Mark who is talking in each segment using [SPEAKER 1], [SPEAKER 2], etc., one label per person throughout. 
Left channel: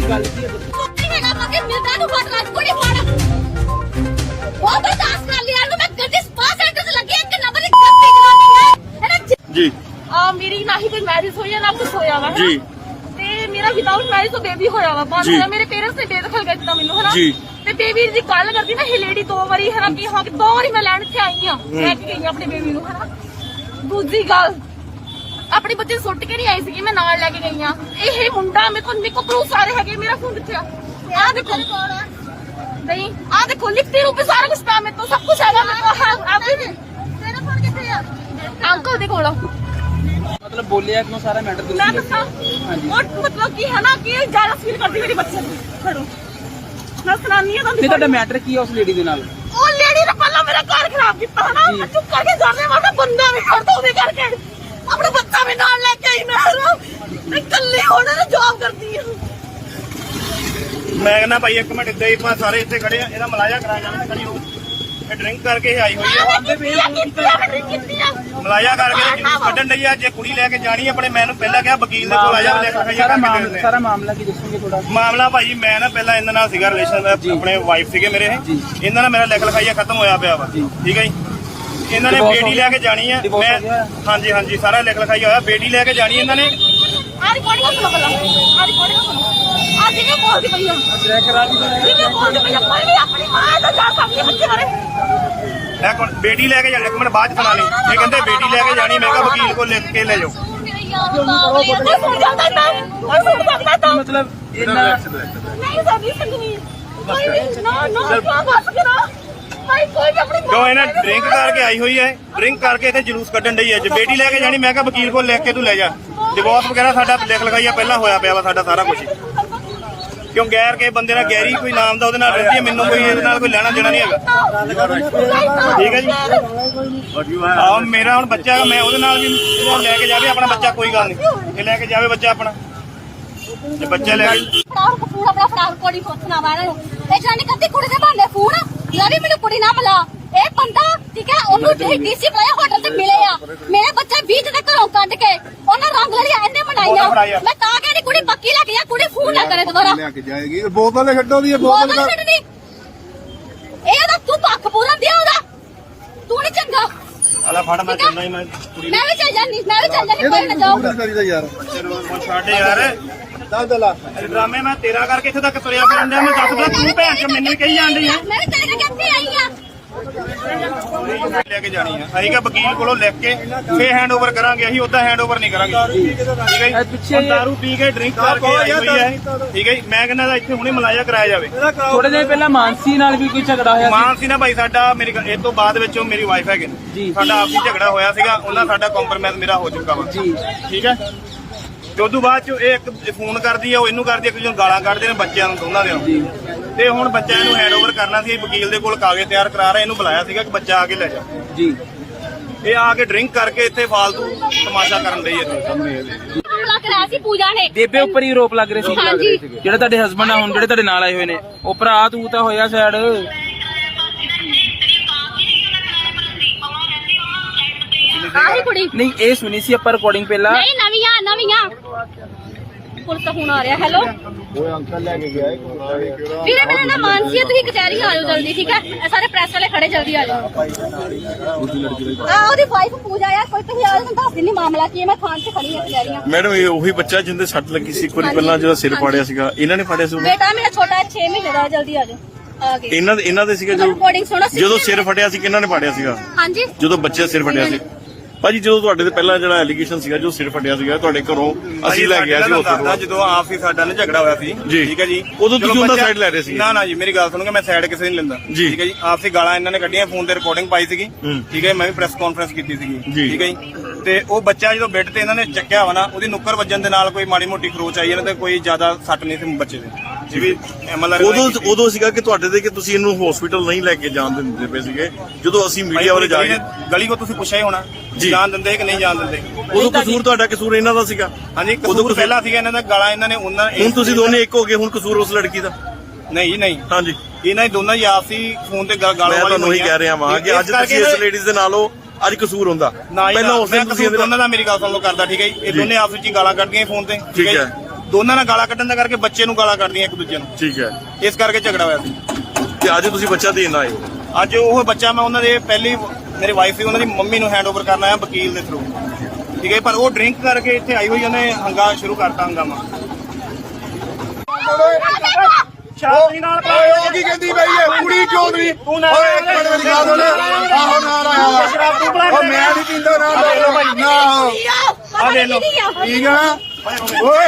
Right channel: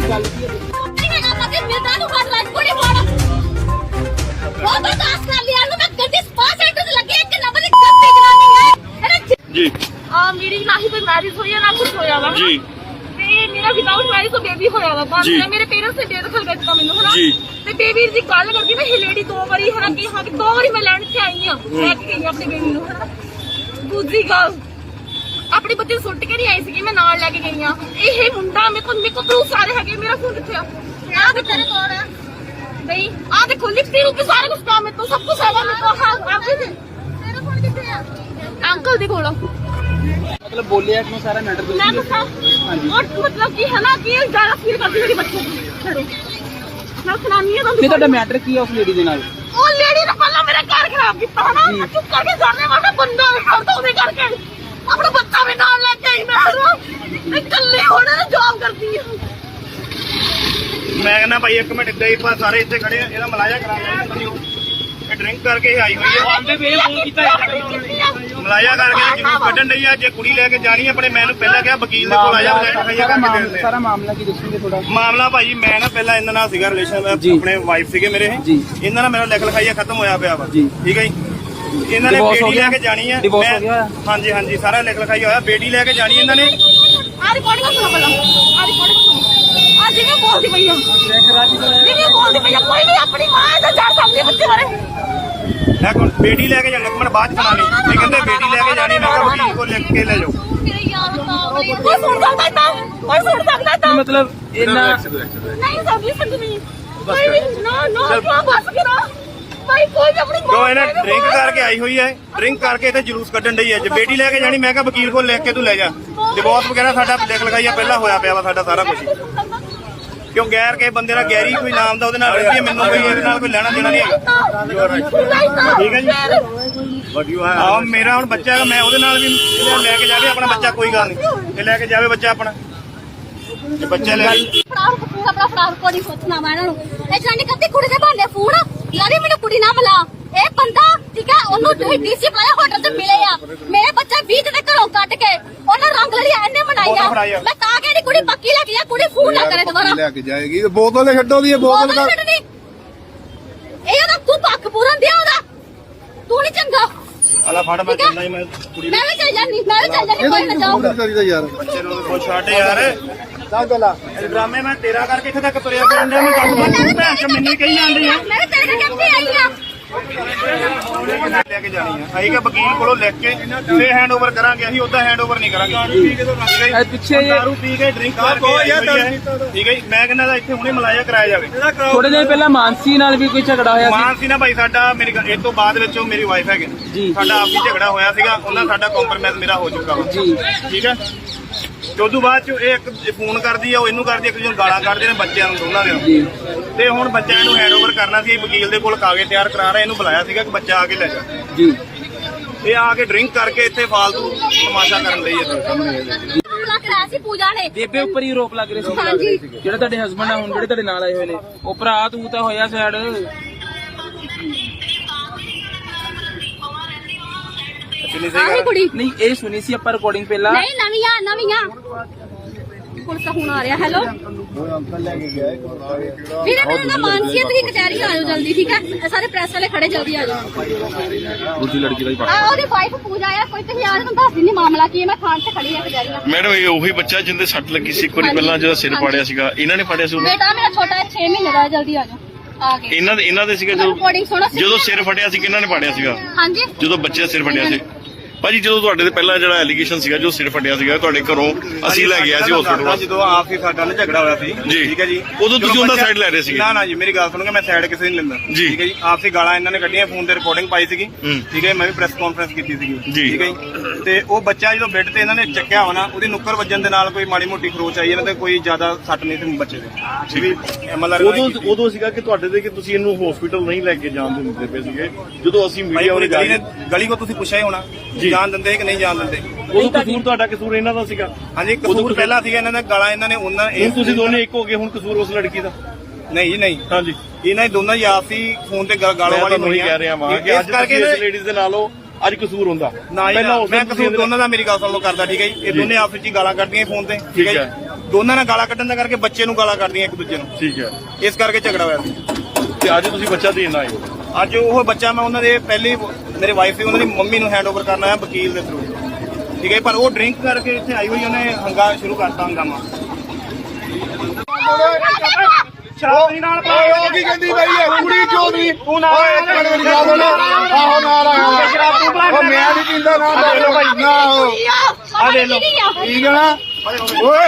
[SPEAKER 1] ਗੱਲ ਕੀ ਹੈ?
[SPEAKER 2] ਜੀ
[SPEAKER 3] मेरी ना ही कोई मैरिज हुई है ना कुछ होया वा
[SPEAKER 2] जी
[SPEAKER 3] ते मेरा विदाउट मैरिज तो बेबी होया वा बाद में मेरे पेरेंट्स ने बेदखल कर दिया मेनू है ना
[SPEAKER 2] जी
[SPEAKER 3] ते बेबी दी गल करदी ना ये लेडी दो बारी है ना कि हां दो बारी मैं लैंड से आई हां मैं गई अपने बेबी नु है ना दूसरी गल अपने बच्चे सुੱਟ के नहीं आई सी मैं नाल लेके गई हां ਇਹ ਮੁੰਡਾ ਮੇਰੇ ਕੋ ਪ੍ਰੂਫ ਸਾਰੇ ਹੈਗੇ ਮੇਰਾ ਫੋਨ ਕਿੱਥੇ ਆ ਆ ਦੇਖੋ ਨਹੀਂ ਆ ਦੇਖੋ ਲਿਖਤੀ ਰੂਪ ਸਾਰਾ ਕੁਝ ਪਿਆ ਮੇਰੇ ਤੋਂ ਸਭ ਕੁਝ ਹੈਗਾ ਮੇਰੇ ਕੋਲ ਹੈ ਐਵਰੀਥਿੰਗ ਮੇਰਾ ਫੋਨ ਕਿੱਥੇ ਆ ਅੰਕਲ ਦੇ ਕੋਲ
[SPEAKER 1] ਮਤਲਬ ਬੋਲਿਆ ਤੁਹਾਨੂੰ ਸਾਰਾ ਮੈਟਰ
[SPEAKER 3] मैं बता और मतलब की है ना कि ज्यादा फील करती मेरे बच्चों को छोड़ो मैं सुनानी है
[SPEAKER 1] ਨਹੀਂ ਤੁਹਾਡਾ ਮੈਟਰ ਕੀ ਹੈ ਉਸ ਲੇਡੀ ਦੇ ਨਾਲ?
[SPEAKER 3] ओ लेडी ने पहला मेरा घर खराब किया है ना चुप करके जाने वाला बंदा भी करता हूं करके अपना बच्चा भी नाल लेके आई मैं कल्ली होने ने जॉब करती है
[SPEAKER 2] ਮੈਂ ਕਹਿੰਦਾ ਭਾਈ ਇੱਕ ਮਿੰਟ ਇੱਦਾਂ ਹੀ ਆਪਾਂ ਸਾਰੇ ਇੱਥੇ ਖੜੇ ਆ ਇਹਦਾ ਮਲਾਜਾ ਕਰਾਇਆ ਖੜੀ ਹੋ ਇਹ ਡਰਿੰਕ ਕਰਕੇ ਆਈ ਹੋਈ ਆ
[SPEAKER 1] ਆਪਦੇ ਵੇਲ ਫੋਨ ਕੀਤਾ
[SPEAKER 2] ਮਲਾਜਾ ਕਰਕੇ ਜਲੂਸ ਕੱਢਣ ਲਈ ਆ ਜੇ ਕੁੜੀ ਲੈ ਕੇ ਜਾਣੀ ਆਪਣੇ ਮੈਨੂੰ ਪਹਿਲਾਂ ਕਿਹਾ ਵਕੀਲ ਦੇ ਕੋਲ ਆ ਜਾ
[SPEAKER 1] ਸਾਰਾ ਮਾਮਲਾ ਕੀ ਦੱਸੋਗੇ ਥੋੜਾ?
[SPEAKER 2] ਮਾਮਲਾ ਭਾਜੀ ਮੈਂ ਨਾ ਪਹਿਲਾਂ ਇਹਨਾਂ ਨਾਲ ਸੀਗਾ ਰਿਲੇਸ਼ਨ ਆਪਣੇ ਵਾਈਫ ਸੀਗੇ ਮੇਰੇ
[SPEAKER 1] ਜੀ।
[SPEAKER 2] ਇਹਨਾਂ ਨਾਲ ਮੇਰਾ ਲਿਖ ਲਿਖਾਈਆ ਖਤਮ ਹੋਇਆ ਪਿਆ ਵਾ
[SPEAKER 1] ਜੀ।
[SPEAKER 2] ਠੀਕ ਹੈ ਜੀ ਇਹਨਾਂ ਨੇ ਬੇਟੀ ਲੈ ਕੇ ਜਾਣੀ ਹੈ ਮੈਂ ਹਾਂਜੀ ਹਾਂਜੀ ਸਾਰਾ ਲਿਖ ਲਿਖਾਈਆ ਹੋਇਆ ਬੇਟੀ ਲੈ ਕੇ ਜਾਣੀ ਇਹਨਾਂ ਨੇ
[SPEAKER 3] आ रिकॉर्ड कर सुनो पहला आ रिकॉर्ड कर सुनो आज ये बोल दी भैया ये बोल दी भैया कोई नहीं अपनी मां से जा सकते बच्चे मारे
[SPEAKER 2] ਮੈਂ ਕੋਲ ਬੇਟੀ ਲੈ ਕੇ ਜਾਣੀ ਇੱਕ ਮਿੰਟ ਬਾਅਦ ਚ ਸੁਣਾ ਲਈ ਇਹ ਕਹਿੰਦੇ ਬੇਟੀ ਲੈ ਕੇ ਜਾਣੀ ਮੈਂ ਕਿਹਾ ਵਕੀਲ ਕੋਲ ਲਿਖ ਕੇ ਲੈ ਜਾਓ
[SPEAKER 3] मेरे यार कोई सुन सकता था कोई सुन सकता था
[SPEAKER 1] ਮਤਲਬ ਇਹਨਾਂ
[SPEAKER 3] नहीं सभी समझ नहीं नहीं नो नो क्या बस करो कोई भी अपनी
[SPEAKER 2] ਜੋ ਇਹਨਾਂ ਡਰਿੰਕ ਕਰਕੇ ਆਈ ਹੋਈ ਹੈ ਡਰਿੰਕ ਕਰਕੇ ਇੱਥੇ ਜਲੂਸ ਕੱਢਣ ਡਈ ਹੈ ਜੇ ਬੇਟੀ ਲੈ ਕੇ ਜਾਣੀ ਮੈਂ ਕਿਹਾ ਵਕੀਲ ਕੋਲ ਲਿਖ ਕੇ ਤੂੰ ਲੈ ਜਾ ਡਿਵੋਰਸ ਵਗੈਰਾ ਸਾਡਾ ਲਿਖ ਲਿਖਾਈਆ ਪਹਿਲਾਂ ਹੋਇਆ ਪਿਆ ਵਾ ਸਾਡਾ ਸਾਰਾ ਕੁਝ ਕਿਉਂ ਗੈਰ ਕੇ ਬੰਦੇ ਨਾਲ ਗੈਰੀ ਕੋਈ ਨਾਮ ਦਾ ਉਹਦੇ ਨਾਲ ਰਹਿੰਦੀ ਹੈ ਮੈਨੂੰ ਕੋਈ ਇਹਦੇ ਨਾਲ ਕੋਈ ਲੈਣਾ ਦੇਣਾ ਨਹੀਂ ਹੈਗਾ ਠੀਕ ਹੈ ਜੀ ਆਹ ਮੇਰਾ ਹੁਣ ਬੱਚਾ ਹੈਗਾ ਮੈਂ ਉਹਦੇ ਨਾਲ ਵੀ ਲੈ ਕੇ ਜਾਵੇ ਆਪਣਾ ਬੱਚਾ ਕੋਈ ਗੱਲ ਨਹੀਂ ਇਹ ਲੈ ਕੇ ਜਾਵੇ ਬੱਚਾ ਆਪਣਾ ਜੇ ਬੱਚਾ ਲੈ ਕੇ
[SPEAKER 3] ਫਰਾਡ ਪੂਰਾ ਆਪਣਾ ਫਰਾਡ ਕੋਡੀ ਸੋਚਣਾ ਵਾ ਇਹਨਾਂ ਨੂੰ ਇਹ ਜਾਨੀ ਕੱਤੀ ਕੁੜੀ ਦੇ ਬਹਾਨੇ ਫੋਨ ਯਾਰੀ ਮੈਨੂੰ ਕੁੜੀ ਨਾ ਮਿਲਾ ਇਹ ਬੰਦਾ ਠੀਕ ਹੈ ਉਹਨੂੰ ਡੀਸੀ ਬੁਲਾਇਆ ਹੋਟਲ ਤੇ ਮਿਲੇ ਆ ਮੇਰੇ ਬੱਚਾ 20 ਦੇ ਘਰੋਂ ਕੱਢ ਕੇ ਉਹਨਾਂ ਰੰਗ ਲੜੀਆਂ ਇਹਨੇ ਬਣਾਈਆਂ ਮੈਂ ਤਾਂ ਕਹਿੰਦੀ ਕੁੜੀ ਪੱਕੀ ਲੈ ਕੇ ਜਾ ਕੁੜੀ ਫੋਨ ਨਾ ਕਰੇ ਦੁਬਾਰਾ
[SPEAKER 4] ਲੈ ਕੇ ਜਾਏਗੀ ਬੋਤਲ ਛੱਡੋਗੀ
[SPEAKER 3] ਬੋਤਲ ਛੱਡਣੀ ਇਹ ਤਾਂ ਤੂੰ ਪੱਖ ਪੂਰਨ ਦਿਆ ਉਹਦਾ ਤੂੰ ਨਹੀਂ ਚੰਗਾ
[SPEAKER 2] ਅਲਾ ਫੜ ਮੈਂ ਚੱਲਣਾ ਹੀ ਮੈਂ ਕੁੜੀ
[SPEAKER 3] ਮੈਂ ਵੀ ਚੱਲ ਜਾਨੀ ਕੋਈ ਨਾ ਜਾਓ
[SPEAKER 4] ਯਾਰ
[SPEAKER 2] ਬੱਚੇ ਨੂੰ ਛੱਡ ਯਾਰ ਚੱਲ ਚੱਲਾ ਇਹ ਡਰਾਮੇ ਮੈਂ ਤੇਰਾ ਕਰਕੇ ਇੱਥੇ ਤੱਕ ਤੁਰਿਆ ਫਿਰਨ ਡਿਆ ਮੈਂ ਦੱਸਦਾ ਤੂੰ ਭੈਣ ਚ ਮੈਨੂੰ ਕਹੀ ਜਾਂਦੀ ਆ
[SPEAKER 3] ਮੈਂ ਤੇਰੇ ਕਿੱਥੇ ਆਈ ਆ
[SPEAKER 2] ਲੈ ਕੇ ਜਾਣੀ ਆ ਅਸੀਂ ਕਿ ਵਕੀਲ ਕੋਲੋਂ ਲਿਖ ਕੇ ਫੇਰ ਹੈਂਡਓਵਰ ਕਰਾਂਗੇ ਅਸੀਂ ਉਦਾਂ ਹੈਂਡਓਵਰ ਨਹੀਂ ਕਰਾਂਗੇ
[SPEAKER 1] ਪਿੱਛੇ
[SPEAKER 2] ਦਾਰੂ ਪੀ ਕੇ ਡਰਿੰਕ ਕਰਕੇ ਆਈ ਹੋਈ ਹੈ ਠੀਕ ਹੈ ਜੀ ਮੈਂ ਕਹਿੰਦਾ ਇੱਥੇ ਹੁਣੇ ਮਲਾਇਆ ਕਰਾਇਆ ਜਾਵੇ
[SPEAKER 1] ਥੋੜੇ ਦਿਨ ਪਹਿਲਾਂ ਮਾਨਸੀ ਨਾਲ ਵੀ ਕੋਈ ਝਗੜਾ ਹੋਇਆ ਸੀ।
[SPEAKER 2] ਮਾਨਸੀ ਨਾ ਭਾਈ ਸਾਡਾ ਮੇਰੀ ਇਹ ਤੋਂ ਬਾਅਦ ਵਿੱਚ ਉਹ ਮੇਰੀ ਵਾਈਫ ਹੈਗੇ
[SPEAKER 1] ਜੀ।
[SPEAKER 2] ਸਾਡਾ ਆਪਸੀ ਝਗੜਾ ਹੋਇਆ ਸੀਗਾ ਉਹਨਾਂ ਸਾਡਾ ਕੰਪਰਮਾਈਜ਼ ਮੇਰਾ ਹੋ ਚੁੱਕਾ ਵਾ
[SPEAKER 1] ਜੀ।
[SPEAKER 2] ਠੀਕ ਹੈ ਤੇ ਉਦੋਂ ਬਾਅਦ ਚ ਇਹ ਇੱਕ ਫੋਨ ਕਰਦੀ ਆ ਉਹ ਇਹਨੂੰ ਕਰਦੀ ਇੱਕ ਦੂਜੇ ਨੂੰ ਗਾਲਾਂ ਕੱਢਦੇ ਨੇ ਬੱਚਿਆਂ ਨੂੰ ਦੋਨਾਂ ਦੇ ਤੇ ਹੁਣ ਬੱਚਿਆਂ ਨੂੰ ਹੈਂਡਓਵਰ ਕਰਨਾ ਸੀ ਵਕੀਲ ਦੇ ਕੋਲ ਕਾਗਜ਼ ਤਿਆਰ ਕਰਾ ਰਿਹਾ ਇਹਨੂੰ ਬੁਲਾਇਆ ਸੀਗਾ ਕਿ ਬੱਚਾ ਆ ਕੇ ਲੈ ਜਾ
[SPEAKER 1] ਜੀ
[SPEAKER 2] ਇਹ ਆ ਕੇ ਡਰਿੰਕ ਕਰਕੇ ਇੱਥੇ ਫਾਲਤੂ ਤਮਾਸ਼ਾ ਕਰਨ ਲਈ
[SPEAKER 3] ਹਮਲਾ ਕਰਾਇਆ ਸੀ ਪੂਜਾ ਨੇ
[SPEAKER 1] ਬੇਬੇ ਉੱਪਰ ਹੀ ਰੋਪ ਲੱਗ ਰਹੇ ਸੀ
[SPEAKER 3] ਹਾਂਜੀ
[SPEAKER 1] ਜਿਹੜੇ ਤੁਹਾਡੇ ਹਸਬੰਡ ਆ ਹੁਣ ਜਿਹੜੇ ਤੁਹਾਡੇ ਨਾਲ ਆਏ ਹੋਏ ਨੇ ਉਹ ਭਰਾ ਤੂੰ ਤਾਂ ਹੋਇਆ ਸਾਈਡ
[SPEAKER 3] ਆਹੀ ਕੁੜੀ
[SPEAKER 1] ਨਹੀਂ ਇਹ ਸੁਣੀ ਸੀ ਆਪਾਂ ਰਿਕਾਰਡਿੰਗ ਪਹਿਲਾਂ
[SPEAKER 3] ਨਹੀਂ ਨਵੀਆਂ ਪੁਲਿਸ ਦਾ ਫੋਨ ਆ ਰਿਹਾ ਹੈਲੋ
[SPEAKER 4] ਉਹ ਅੰਕਲ ਲੈ ਕੇ ਗਿਆ
[SPEAKER 3] ਵੀਰੇ ਮੇਰਾ ਨਾਮ ਮਾਨਸੀ ਹੈ ਤੁਸੀਂ ਕਚਹਿਰੀ ਆ ਜਾਓ ਜਲਦੀ ਠੀਕ ਹੈ ਇਹ ਸਾਰੇ ਪ੍ਰੈਸ ਵਾਲੇ ਖੜੇ ਜਲਦੀ ਆ ਜਾਓ
[SPEAKER 1] ਦੂਜੀ ਲੜਕੀ ਦਾ ਹੀ
[SPEAKER 3] ਉਹਦੀ ਵਾਈਫ ਪੂਜਾ ਆ ਕੋਈ ਤੁਸੀਂ ਆ ਤੁਹਾਨੂੰ ਦੱਸ ਦਿੰਦੀ ਮਾਮਲਾ ਕੀ ਹੈ ਮੈਂ ਥਾਣ 'ਚ ਖੜੀ ਆ ਕਚਹਿਰੀਆਂ
[SPEAKER 5] ਮੈਡਮ ਇਹ ਉਹੀ ਬੱਚਾ ਜਿੰਦੇ ਸੱਟ ਲੱਗੀ ਸੀ ਇੱਕ ਵਾਰੀ ਪਹਿਲਾਂ ਜਿਹੜਾ ਸਿਰ ਪਾੜਿਆ ਸੀਗਾ ਇਹਨਾਂ ਨੇ ਪਾੜਿਆ ਸੀ ਉਹਨੂੰ
[SPEAKER 3] ਬੇਟਾ ਮੇਰਾ ਛੋਟਾ 6 ਮਹੀਨੇ ਦਾ ਹੈ ਜਲਦੀ ਆ ਜਾਓ ਆ ਗਏ
[SPEAKER 5] ਇਹਨਾਂ ਦੇ ਸੀਗਾ
[SPEAKER 3] ਰਿਕਾਰਡਿੰਗ ਸੁਣੋ
[SPEAKER 5] ਜਦੋਂ ਸਿਰ ਫਟਿਆ ਸੀ ਕਿਹਨਾਂ ਨੇ ਪਾੜਿਆ ਸੀਗਾ
[SPEAKER 3] ਹਾਂਜੀ
[SPEAKER 5] ਜਦੋਂ ਬੱਚੇ ਦਾ ਸਿਰ ਫਟਿਆ ਸੀ ਭਾਜੀ ਜਦੋਂ ਤੁਹਾਡੇ ਤੇ ਪਹਿਲਾਂ ਜਿਹੜਾ ਐਲੀਗੇਸ਼ਨ ਸੀਗਾ ਜੋ ਸਿਰ ਫਟਿਆ ਸੀਗਾ ਤੁਹਾਡੇ ਘਰੋਂ ਅਸੀਂ ਲੈ ਗਿਆ ਸੀ ਹਸਪੀਟਲ
[SPEAKER 2] ਜਦੋਂ ਆਪ ਹੀ ਸਾਡਾ ਨਾ ਝਗੜਾ ਹੋਇਆ ਸੀ
[SPEAKER 5] ਜੀ।
[SPEAKER 2] ਠੀਕ ਹੈ ਜੀ
[SPEAKER 5] ਉਦੋਂ ਤੁਸੀਂ ਉਹਨਾਂ ਸਾਈਡ ਲੈ ਰਹੇ ਸੀਗੇ
[SPEAKER 2] ਨਾ ਜੀ ਮੇਰੀ ਗੱਲ ਸੁਣੋਗੇ ਮੈਂ ਸਾਈਡ ਕਿਸੇ ਨਹੀਂ ਲੈਂਦਾ
[SPEAKER 5] ਜੀ।
[SPEAKER 2] ਠੀਕ ਹੈ ਜੀ ਆਪਸੀ ਗਾਲਾਂ ਇਹਨਾਂ ਨੇ ਕੱਢੀਆਂ ਫੋਨ ਤੇ ਰਿਕਾਰਡਿੰਗ ਪਾਈ ਸੀਗੀ ਠੀਕ ਹੈ ਮੈਂ ਵੀ ਪ੍ਰੈਸ ਕਾਨਫਰੰਸ ਕੀਤੀ ਸੀਗੀ
[SPEAKER 5] ਜੀ।
[SPEAKER 2] ਠੀਕ ਹੈ ਜੀ ਤੇ ਉਹ ਬੱਚਾ ਜਦੋਂ ਬੈੱਡ ਤੇ ਇਹਨਾਂ ਨੇ ਚੱਕਿਆ ਹੋਣਾ ਉਹਦੀ ਨੁੱਕਰ ਵੱਜਣ ਦੇ ਨਾਲ ਕੋਈ ਮਾੜੀ ਮੋਟੀ ਖਰੋਚ ਆਈ ਇਹਨਾਂ ਤੇ ਕੋਈ ਜ਼ਿਆਦਾ ਸੱਟ ਨਹੀਂ ਸੀ ਬੱਚੇ ਦੇ ਠੀਕ ਹੈ ਐਮਐਲਆਰ
[SPEAKER 5] ਉਦੋਂ ਸੀਗਾ ਕਿ ਤੁਹਾਡੇ ਤੇ ਕਿ ਤੁਸੀਂ ਇਹਨੂੰ ਹਸਪੀਟਲ ਨਹੀਂ ਲੈ ਕੇ ਜਾਣ ਦਿੰਦੇ ਪਏ ਸੀਗੇ ਜਦੋਂ ਅਸੀਂ ਮੀਡੀਆ ਵਾਲੇ
[SPEAKER 2] ਗਲੀ ਕੋ ਤੁਸੀਂ ਪੁੱਛਿਆ ਹੀ ਹੋਣਾ ਜਾਣ ਦਿੰਦੇ ਕਿ ਨਹੀਂ ਜਾਣ ਦਿੰਦੇ
[SPEAKER 5] ਉਦੋਂ ਕਸੂਰ ਤੁਹਾਡਾ ਕਸੂਰ ਇਹਨਾਂ ਦਾ ਸੀਗਾ
[SPEAKER 2] ਹਾਂਜੀ ਕਸੂਰ ਪਹਿਲਾਂ ਸੀਗਾ ਇਹਨਾਂ ਦਾ ਗਾਲਾਂ ਇਹਨਾਂ ਨੇ ਉਹਨਾਂ
[SPEAKER 5] ਹੁਣ ਤੁਸੀਂ ਦੋਨੇ ਇੱਕ ਹੋ ਗਏ ਹੁਣ ਕਸੂਰ ਉਸ ਲੜਕੀ ਦਾ
[SPEAKER 2] ਨਹੀਂ ਜੀ ਨਹੀਂ
[SPEAKER 5] ਹਾਂਜੀ
[SPEAKER 2] ਇਹਨਾਂ ਦੀ ਦੋਨਾਂ ਦੀ ਆਪਸੀ ਫੋਨ ਤੇ ਗਾਲੋਂ ਵਾਲੀ
[SPEAKER 5] ਮੈਂ ਕਹਿ ਰਿਹਾ ਵਾਂ ਕਿ ਅੱਜ ਤੁਸੀਂ ਇਸ ਲੇਡੀਜ਼ ਦੇ ਨਾਲੋਂ ਅੱਜ ਕਸੂਰ ਹੁੰਦਾ
[SPEAKER 2] ਨਾ ਜੀ ਮੈਂ ਕਸੂਰ ਦੋਨਾਂ ਦਾ ਮੇਰੀ ਗੱਲ ਸੁਣ ਲਓ ਕਰਦਾ ਠੀਕ ਹੈ ਜੀ ਇਹ ਦੋਨੇ ਆਪਸ ਵਿੱਚ ਗਾਲਾਂ ਕੱਢਦੀਆਂ ਫੋਨ ਤੇ ਠੀਕ ਹੈ ਜੀ ਦੋਨਾਂ ਨਾਲ ਗਾਲਾਂ ਕੱਢਣ ਦਾ ਕਰਕੇ ਬੱਚੇ ਨੂੰ ਗਾਲਾਂ ਕੱਢਦੀਆਂ ਇੱਕ ਦੂਜੇ ਨੂੰ,
[SPEAKER 5] ਠੀਕ ਹੈ।
[SPEAKER 2] ਇਸ ਕਰਕੇ ਝਗੜਾ ਹੋਇਆ ਸੀ।
[SPEAKER 5] ਤੇ ਅੱਜ ਤੁਸੀਂ ਬੱਚਾ ਦੇਣ ਆਏ ਹੋ?
[SPEAKER 2] ਅੱਜ ਉਹ ਬੱਚਾ ਮੈਂ ਉਹਨਾਂ ਦੇ ਪਹਿਲੀ ਮੇਰੇ ਵਾਈਫ ਸੀ ਉਹਨਾਂ ਦੀ ਮੰਮੀ ਨੂੰ ਹੈਂਡਓਵਰ ਕਰਨ ਆਇਆ ਵਕੀਲ ਦੇ ਥਰੂ, ਠੀਕ ਹੈ। ਪਰ ਉਹ ਡਰਿੰਕ ਕਰਕੇ ਇੱਥੇ ਆਈ ਹੋਈ, ਉਹਨੇ ਸ਼ੁਰੂ ਕਰਤਾ ਹੰਗਾਮਾ।
[SPEAKER 4] ਓਏ ਉਹ ਕੀ ਕਹਿੰਦੀ ਬਈ ਇਹ ਕੁੜੀ ਕਿਉਂ ਨਹੀਂ? ਓਏ ਇੱਕ ਮਿੰਟ ਮੇਰੀ ਗੱਲ ਸੁਣ। ਆਹੋ ਨਾਲ ਆਇਆ ਵਾ। ਉਹ ਮੈਂ ਨਹੀਂ ਪੀਂਦਾ ਨਾ ਨਾ
[SPEAKER 3] ਆ ਦੇ ਲੋ
[SPEAKER 4] ਠੀਕ ਹੈ ਨਾ? ਓਏ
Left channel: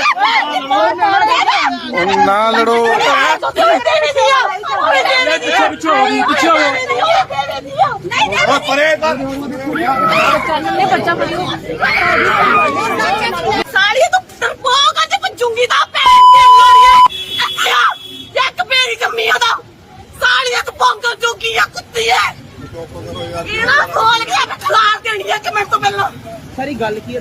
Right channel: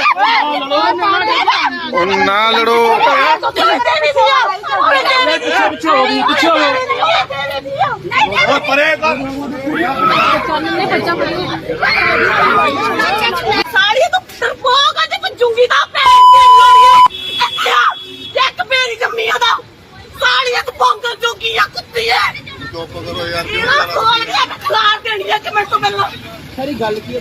[SPEAKER 4] ਉਹ ਨਾ ਲੜੋ। ਓਏ ਪਰੇ ਕਰ।
[SPEAKER 3] ਸਾਲੀ ਤੂੰ ਤਰਪੋਕ ਅੱਜ ਪੰਜੂਗੀ ਦਾ ਪੈਰ ਤੇ ਮਾਰੀਏ ਇੱਕ ਮੇਰੀ ਜੰਮੀਆਂ ਦਾ ਸਾਲੀ ਤੂੰ ਬੰਗਲ ਜੋਗੀ ਆ ਕੁੱਤੀ ਐ ਇਹਦਾ ਖੋਲ ਕੇ ਮੈਂ ਖਲਾਰ ਦੇਣੀ ਐ ਕਿ ਮੈਂ ਤੋਂ ਮਿਲਣਾ
[SPEAKER 1] ਸਾਰੀ ਗੱਲ ਕੀ ਹੈ?